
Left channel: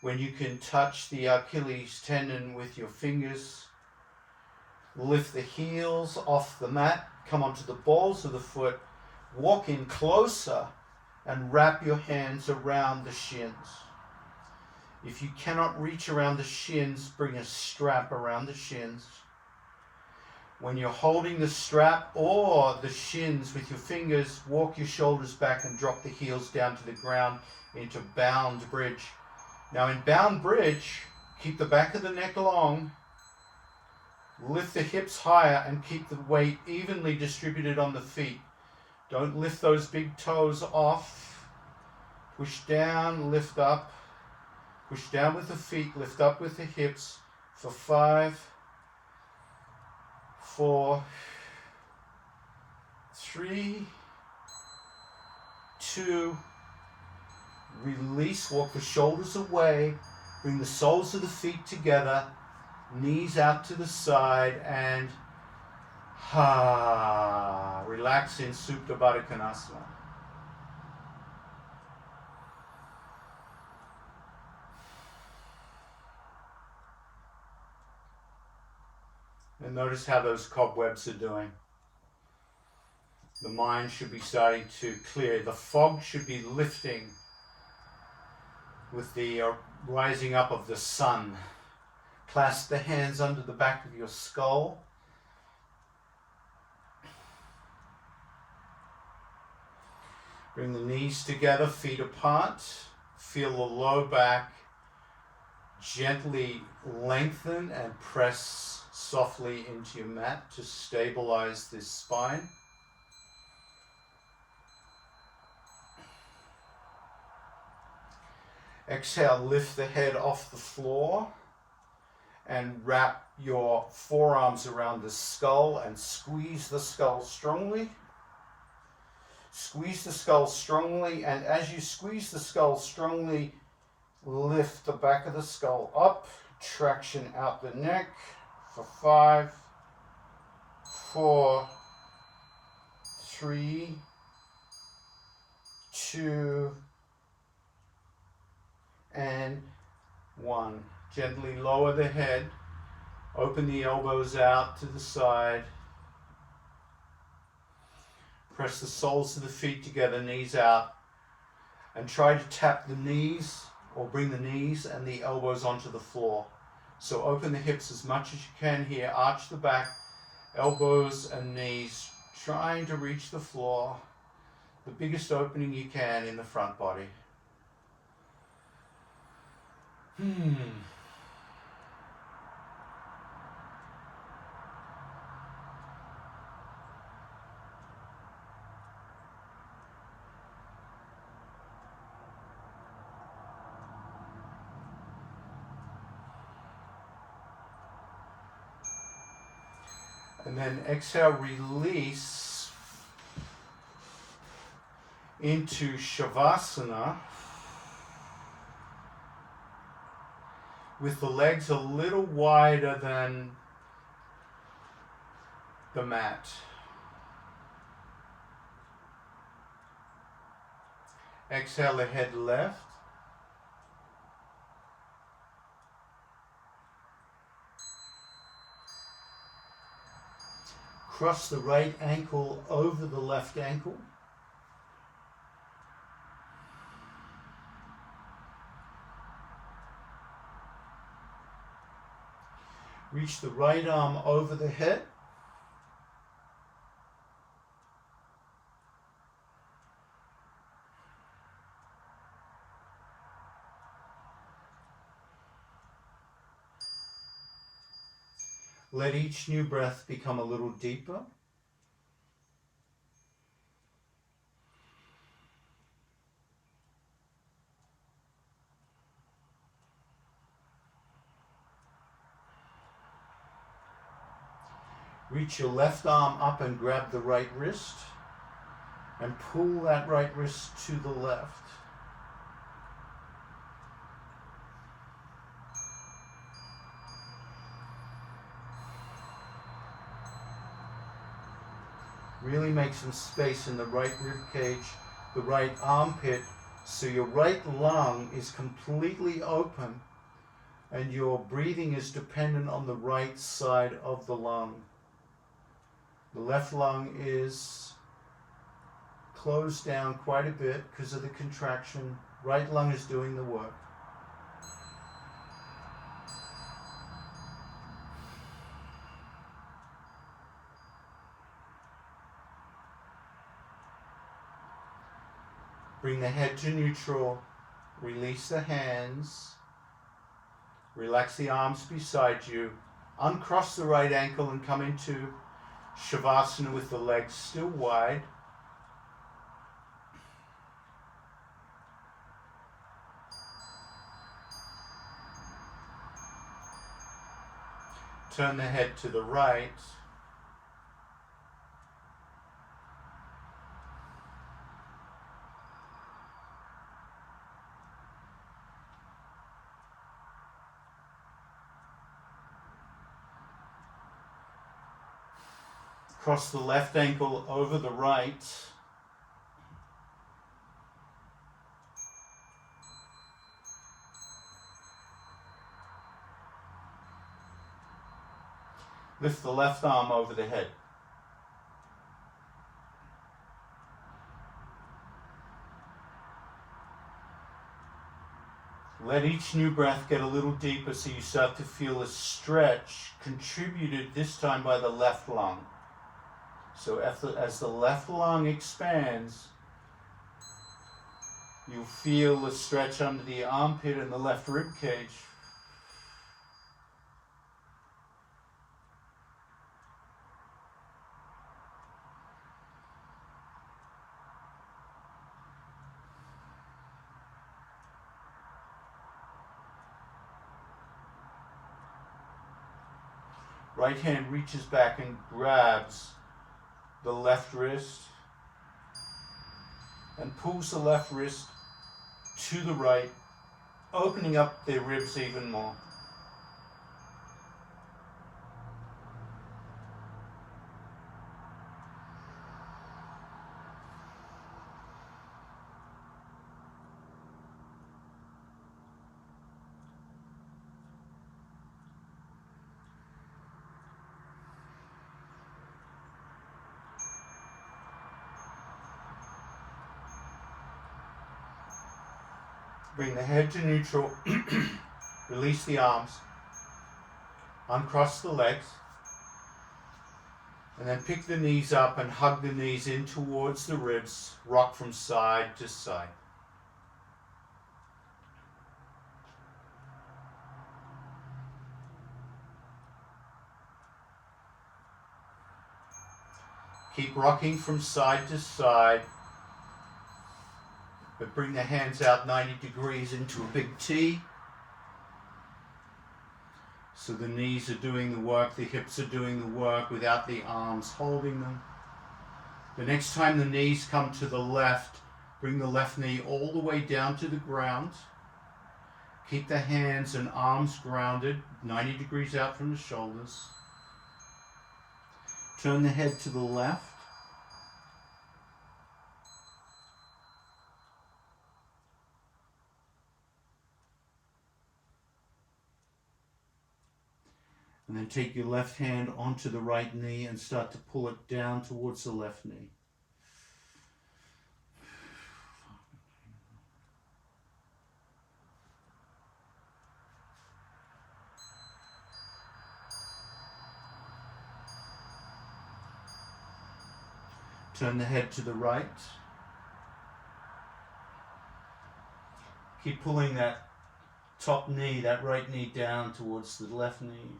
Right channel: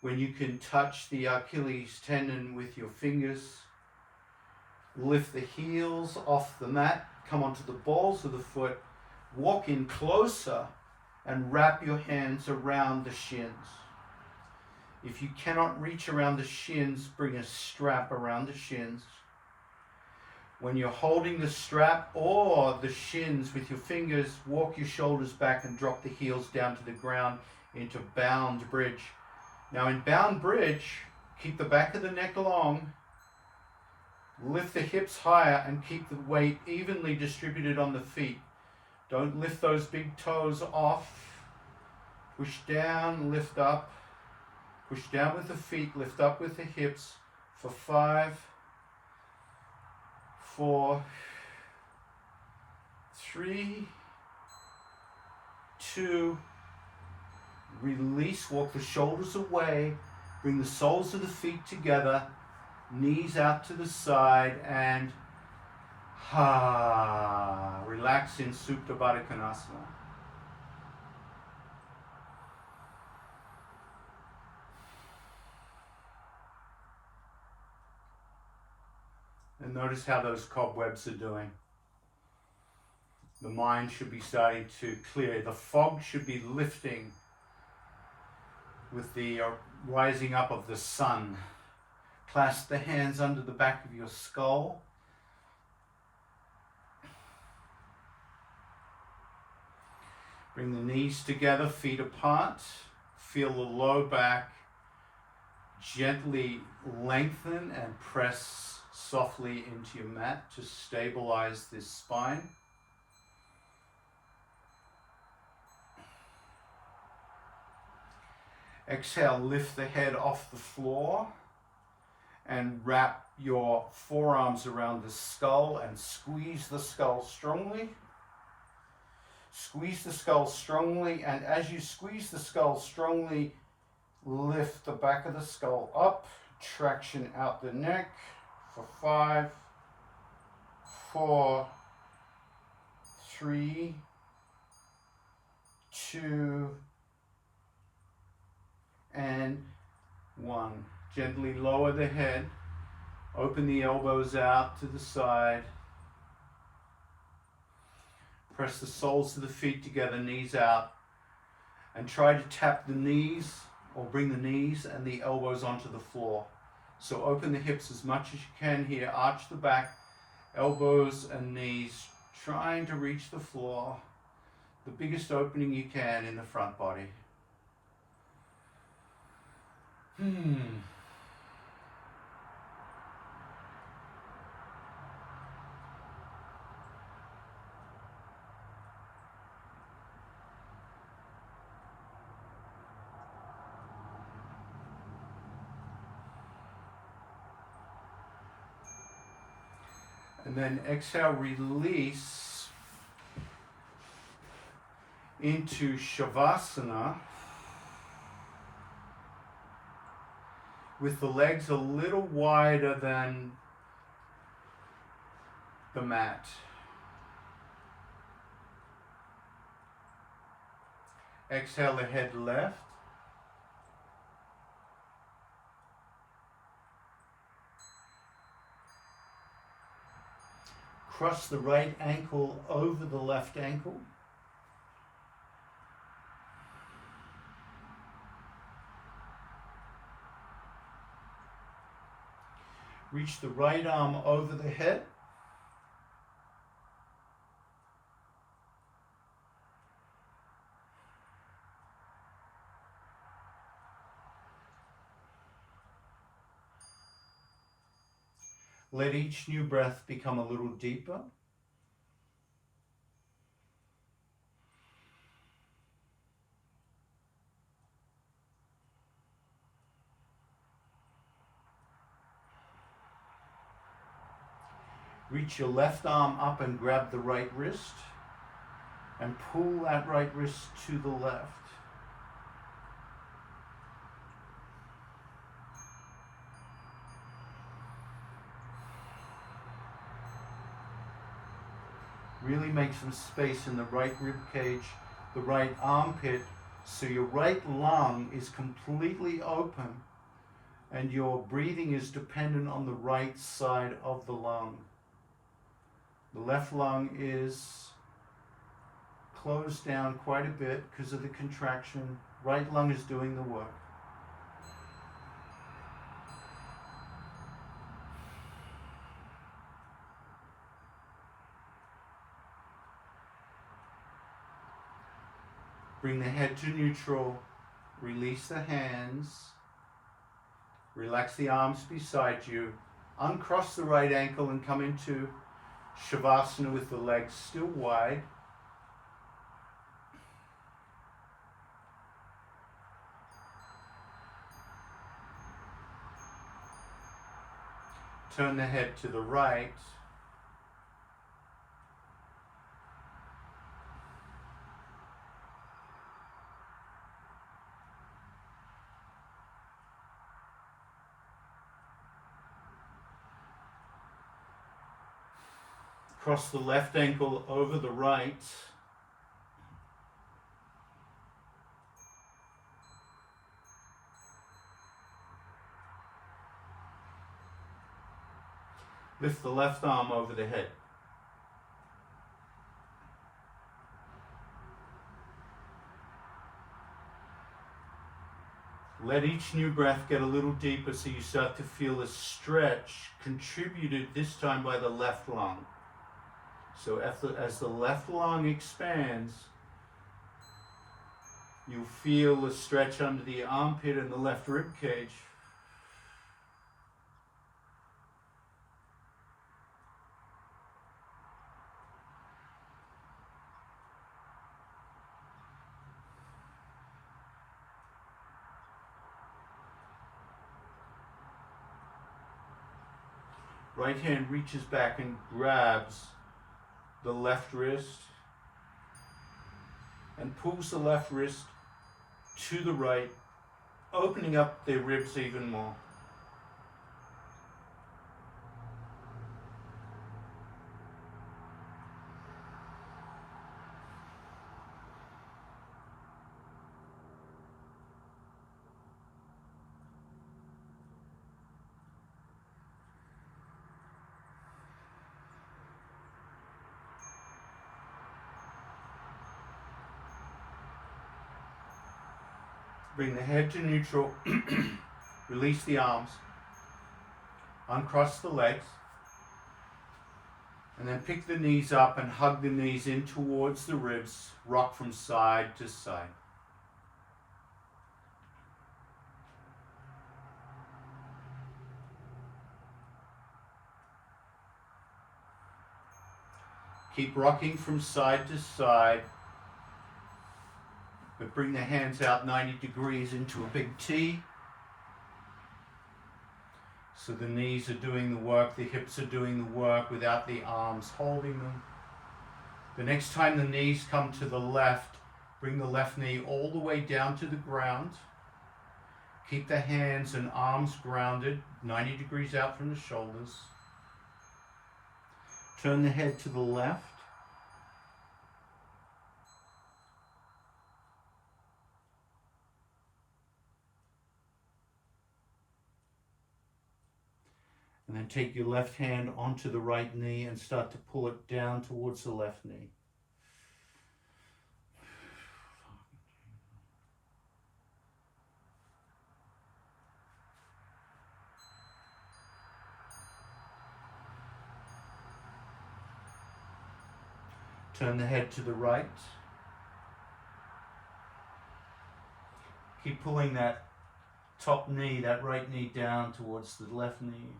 When you can touch the Achilles tendon with your fingers, lift the heels off the mat, come onto the balls of the foot, walk in closer and wrap your hands around the shins. If you cannot reach around the shins, bring a strap around the shins. When you're holding the strap or the shins with your fingers, walk your shoulders back and drop the heels down to the ground into bound bridge. Now in bound bridge, keep the back of the neck long, lift the hips higher and keep the weight evenly distributed on the feet. Don't lift those big toes off. Push down, lift up. Push down with the feet, lift up with the hips for 5, 4, 3, 2, release, walk the shoulders away, bring the soles of the feet together, knees out to the side, and relax in Supta Baddha Konasana. And notice how those cobwebs are doing. The mind should be starting to clear. The fog should be lifting with the rising up of the sun. Clasp the hands under the back of your skull. Bring the knees together, feet apart. Feel the low back gently lengthen and press softly into your mat to stabilize this spine. Exhale, lift the head off the floor and wrap your forearms around the skull and squeeze the skull strongly. Squeeze the skull strongly, and as you squeeze the skull strongly, lift the back of the skull up, traction out the neck for 5, 4, 3, 2, and 1. Gently lower the head, open the elbows out to the side, press the soles of the feet together, knees out, and try to tap the knees or bring the knees and the elbows onto the floor. So open the hips as much as you can here, arch the back, elbows and knees, trying to reach the floor, the biggest opening you can in the front body. And then exhale, release into Shavasana with the legs a little wider than the mat. Exhale the head left. Cross the right ankle over the left ankle. Reach the right arm over the head. Let each new breath become a little deeper. Reach your left arm up and grab the right wrist and pull that right wrist to the left. Really make some space in the right rib cage, the right armpit, so your right lung is completely open and your breathing is dependent on the right side of the lung. The left lung is closed down quite a bit because of the contraction. Right lung is doing the work. Bring the head to neutral. Release the hands. Relax the arms beside you. Uncross the right ankle and come into Shavasana with the legs still wide. Turn the head to the right. Cross the left ankle over the right. Lift the left arm over the head. Let each new breath get a little deeper so you start to feel a stretch contributed this time by the left lung. So as the left lung expands, you'll feel a stretch under the armpit and the left rib cage. Right hand reaches back and grabs the left wrist and pulls the left wrist to the right, opening up their ribs even more. Bring the head to neutral, release the arms, uncross the legs, and then pick the knees up and hug the knees in towards the ribs, rock from side to side. Keep rocking from side to side, but bring the hands out 90 degrees into a big T. So the knees are doing the work, the hips are doing the work without the arms holding them. The next time the knees come to the left, bring the left knee all the way down to the ground. Keep the hands and arms grounded, 90 degrees out from the shoulders. Turn the head to the left. And then take your left hand onto the right knee and start to pull it down towards the left knee. Turn the head to the right. Keep pulling that top knee, that right knee down towards the left knee.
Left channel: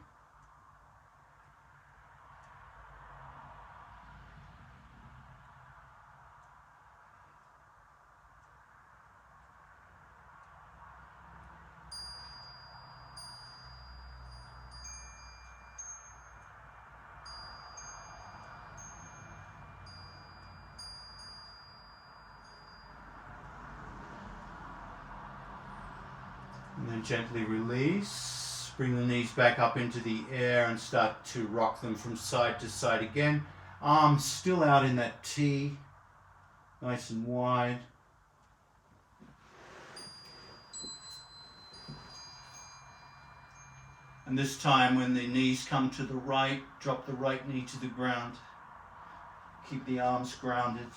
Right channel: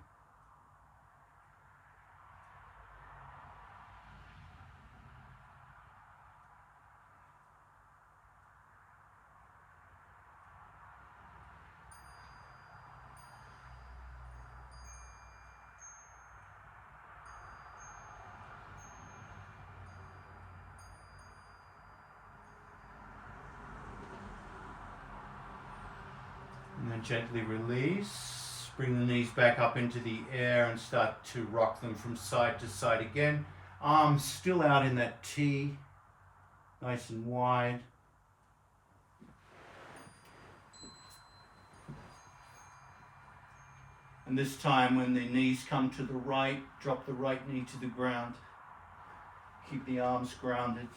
And then gently release. Bring the knees back up into the air and start to rock them from side to side again. Arms still out in that T, nice and wide. And this time when the knees come to the right, drop the right knee to the ground. Keep the arms grounded.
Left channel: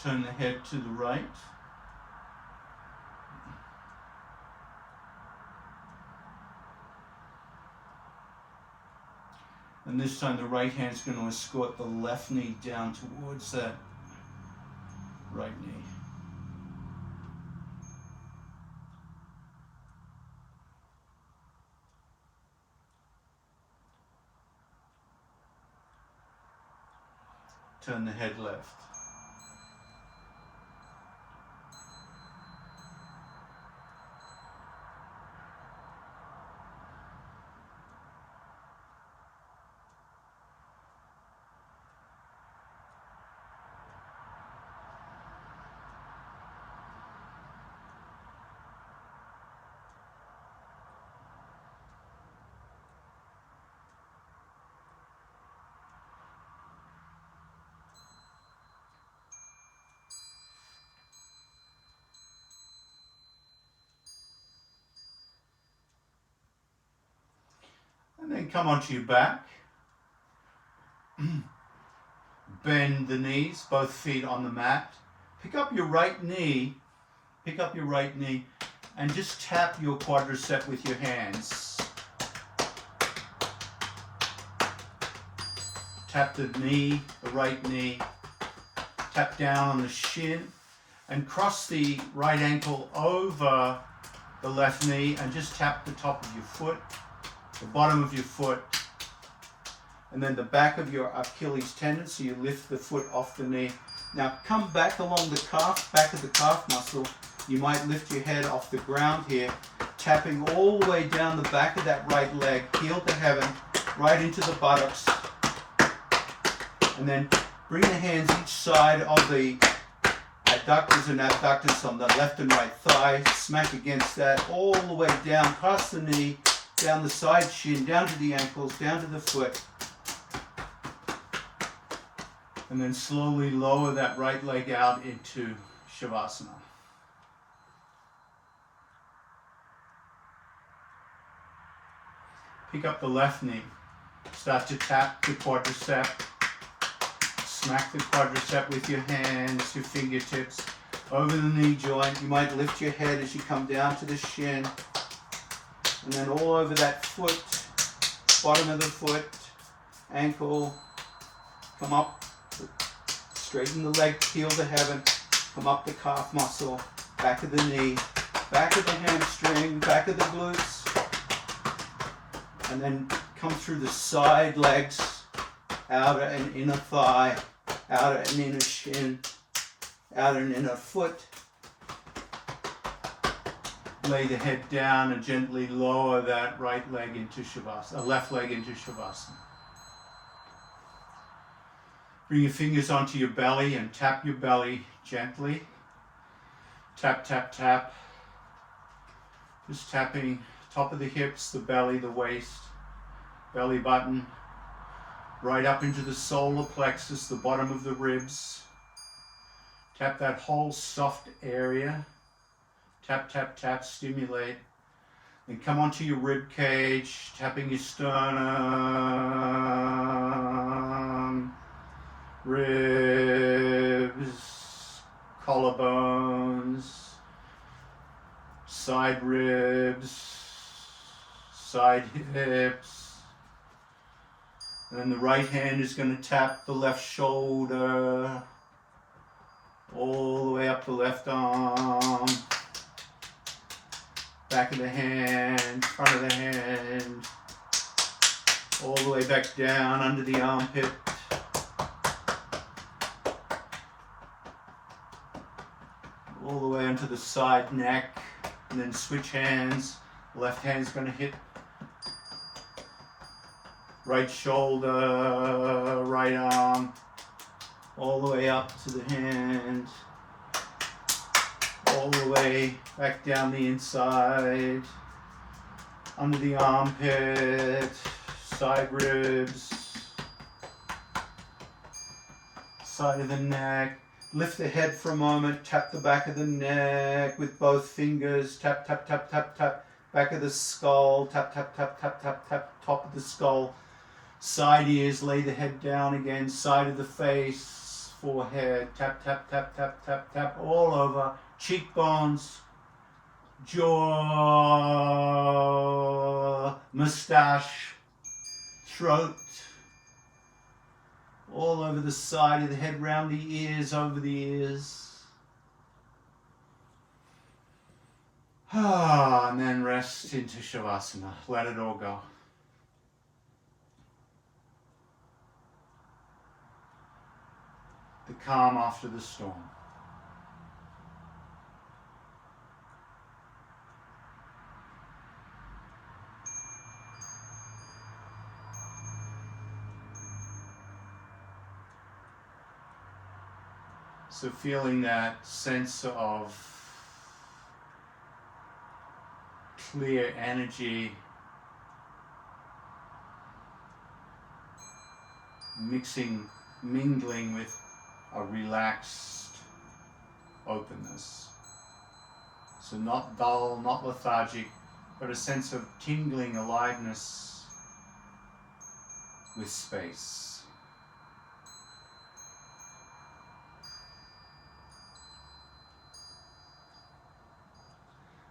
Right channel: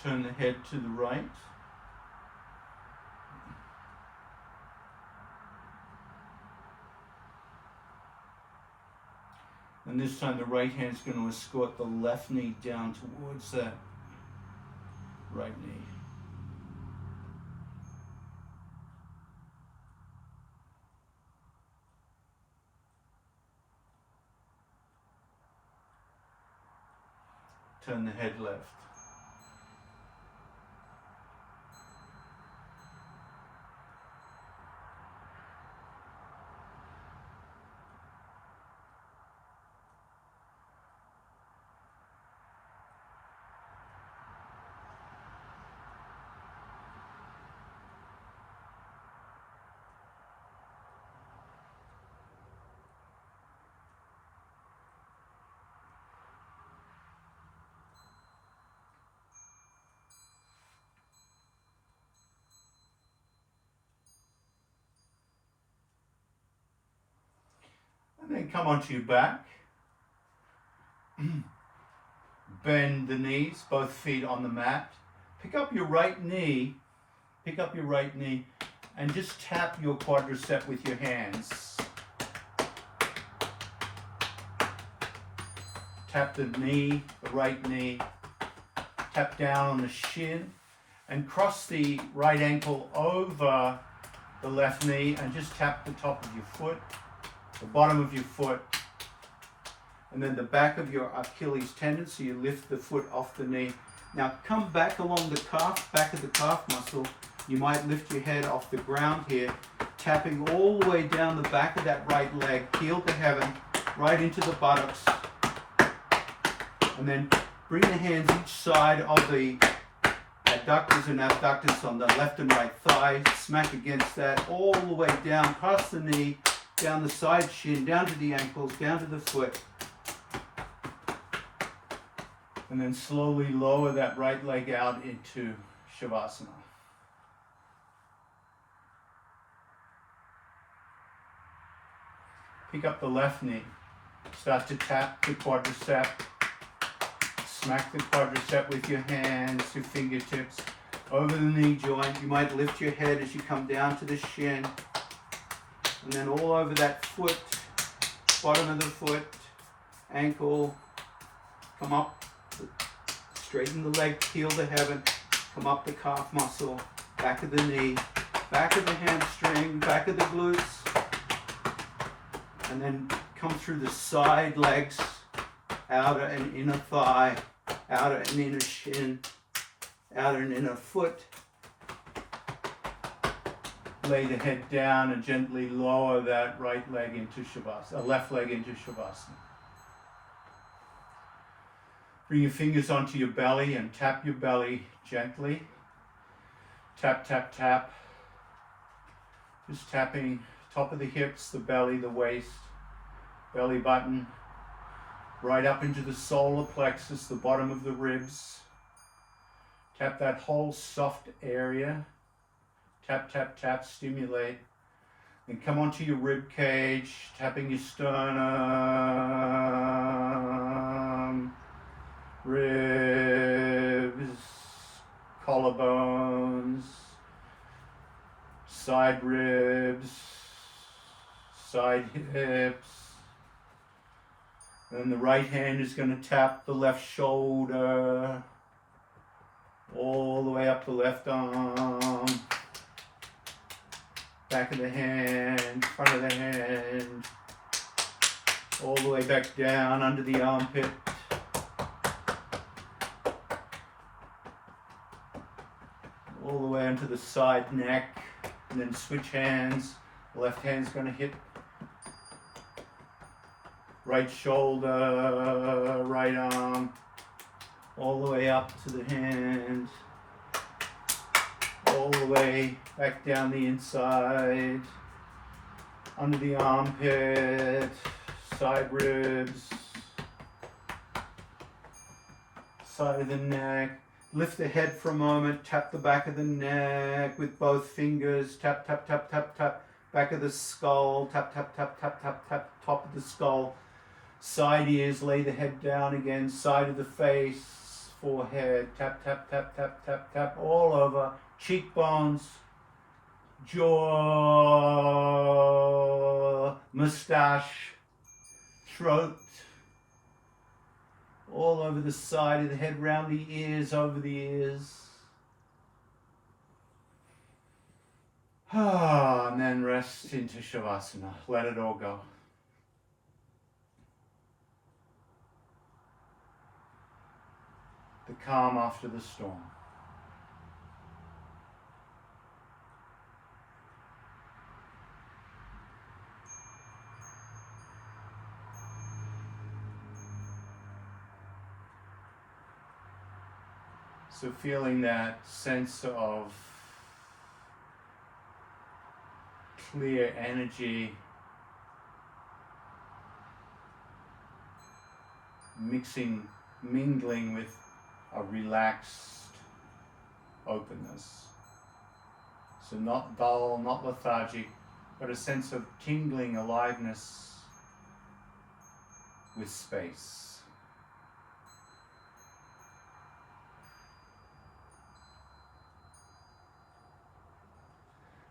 Turn the head to the right. And this time the right hand's going to escort the left knee down towards that right knee. Turn the head left. And then come onto your back. Bend the knees, both feet on the mat. Pick up your right knee, and just tap your quadricep with your hands. Tap the knee, the right knee. Tap down on the shin and cross the right ankle over the left knee and just tap the top of your foot, the bottom of your foot, and then the back of your Achilles tendon, so you lift the foot off the knee. Now come back along the calf, back of the calf muscle. You might lift your head off the ground here, tapping all the way down the back of that right leg, heel to heaven, right into the buttocks. And then bring the hands each side of the adductors and abductors on the left and right thigh, smack against that all the way down past the knee, down the side shin, down to the ankles, down to the foot. And then slowly lower that right leg out into Shavasana. Pick up the left knee. Start to tap the quadricep. Smack the quadricep with your hands, your fingertips, over the knee joint. You might lift your head as you come down to the shin. And then all over that foot, bottom of the foot, ankle, come up, straighten the leg, heel to heaven, come up the calf muscle, back of the knee, back of the hamstring, back of the glutes, and then come through the side legs, outer and inner thigh, outer and inner shin, outer and inner foot. Lay the head down and gently lower that right leg into Shavasana, left leg into Shavasana. Bring your fingers onto your belly and tap your belly gently. Tap, tap, tap. Just tapping top of the hips, the belly, the waist, belly button, right up into the solar plexus, the bottom of the ribs. Tap that whole soft area. Tap, tap, tap, stimulate. Then come onto your rib cage, tapping your sternum, ribs, collarbones, side ribs, side hips. And the right hand is going to tap the left shoulder, all the way up the left arm, back of the hand, front of the hand, all the way back down under the armpit. All the way onto the side neck, and then switch hands. Left hand's going to hit right shoulder, right arm, all the way up to the hand, all the way back down the inside, under the armpit, side ribs, side of the neck. Lift the head for a moment, tap the back of the neck with both fingers, tap, tap, tap, tap, tap, back of the skull, tap, tap, tap, tap, tap, tap, top of the skull, side ears, lay the head down again, side of the face, forehead, tap, tap, tap, tap, tap, tap, all over, cheekbones, jaw, mustache, throat, all over the side of the head, round the ears, over the ears. And then rest into Shavasana. Let it all go. The calm after the storm. So feeling that sense of clear energy mingling with a relaxed openness. So not dull, not lethargic, but a sense of tingling aliveness with space.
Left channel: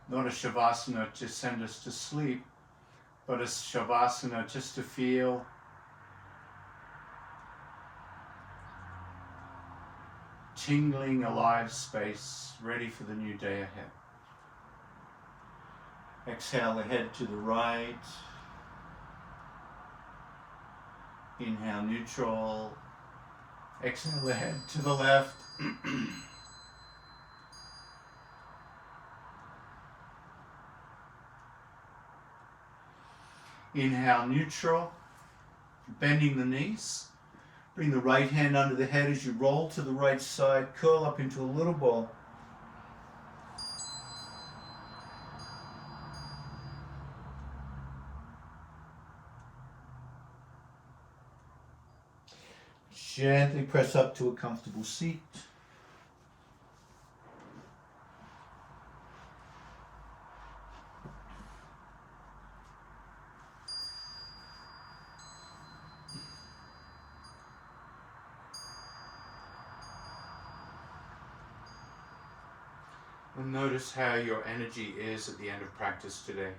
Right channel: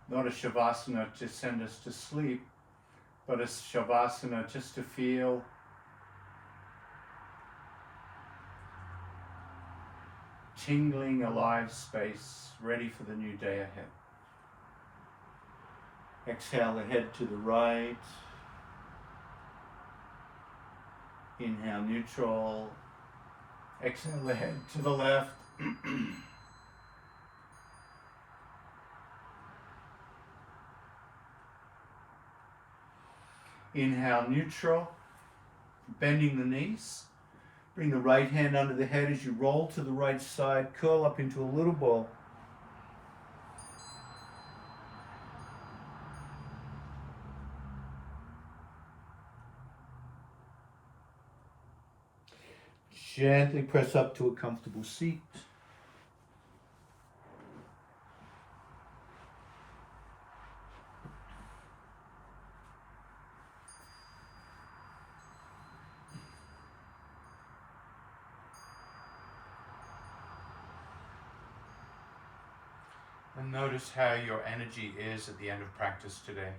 Not a Shavasana to send us to sleep, but a Shavasana just to feel tingling, alive space, ready for the new day ahead. Exhale the head to the right. Inhale neutral. Exhale the head to the left. Inhale neutral, bending the knees. Bring the right hand under the head as you roll to the right side, curl up into a little ball. Gently press up to a comfortable seat. And notice how your energy is at the end of practice today.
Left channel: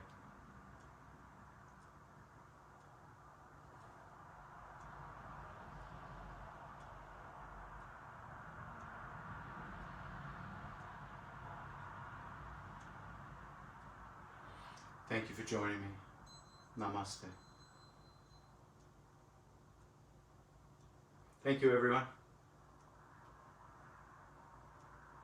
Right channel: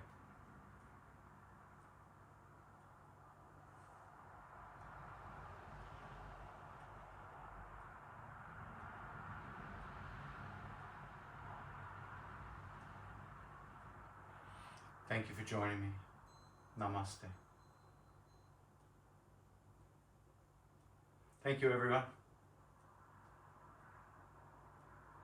Thank you for joining me. Namaste. Thank you, everyone.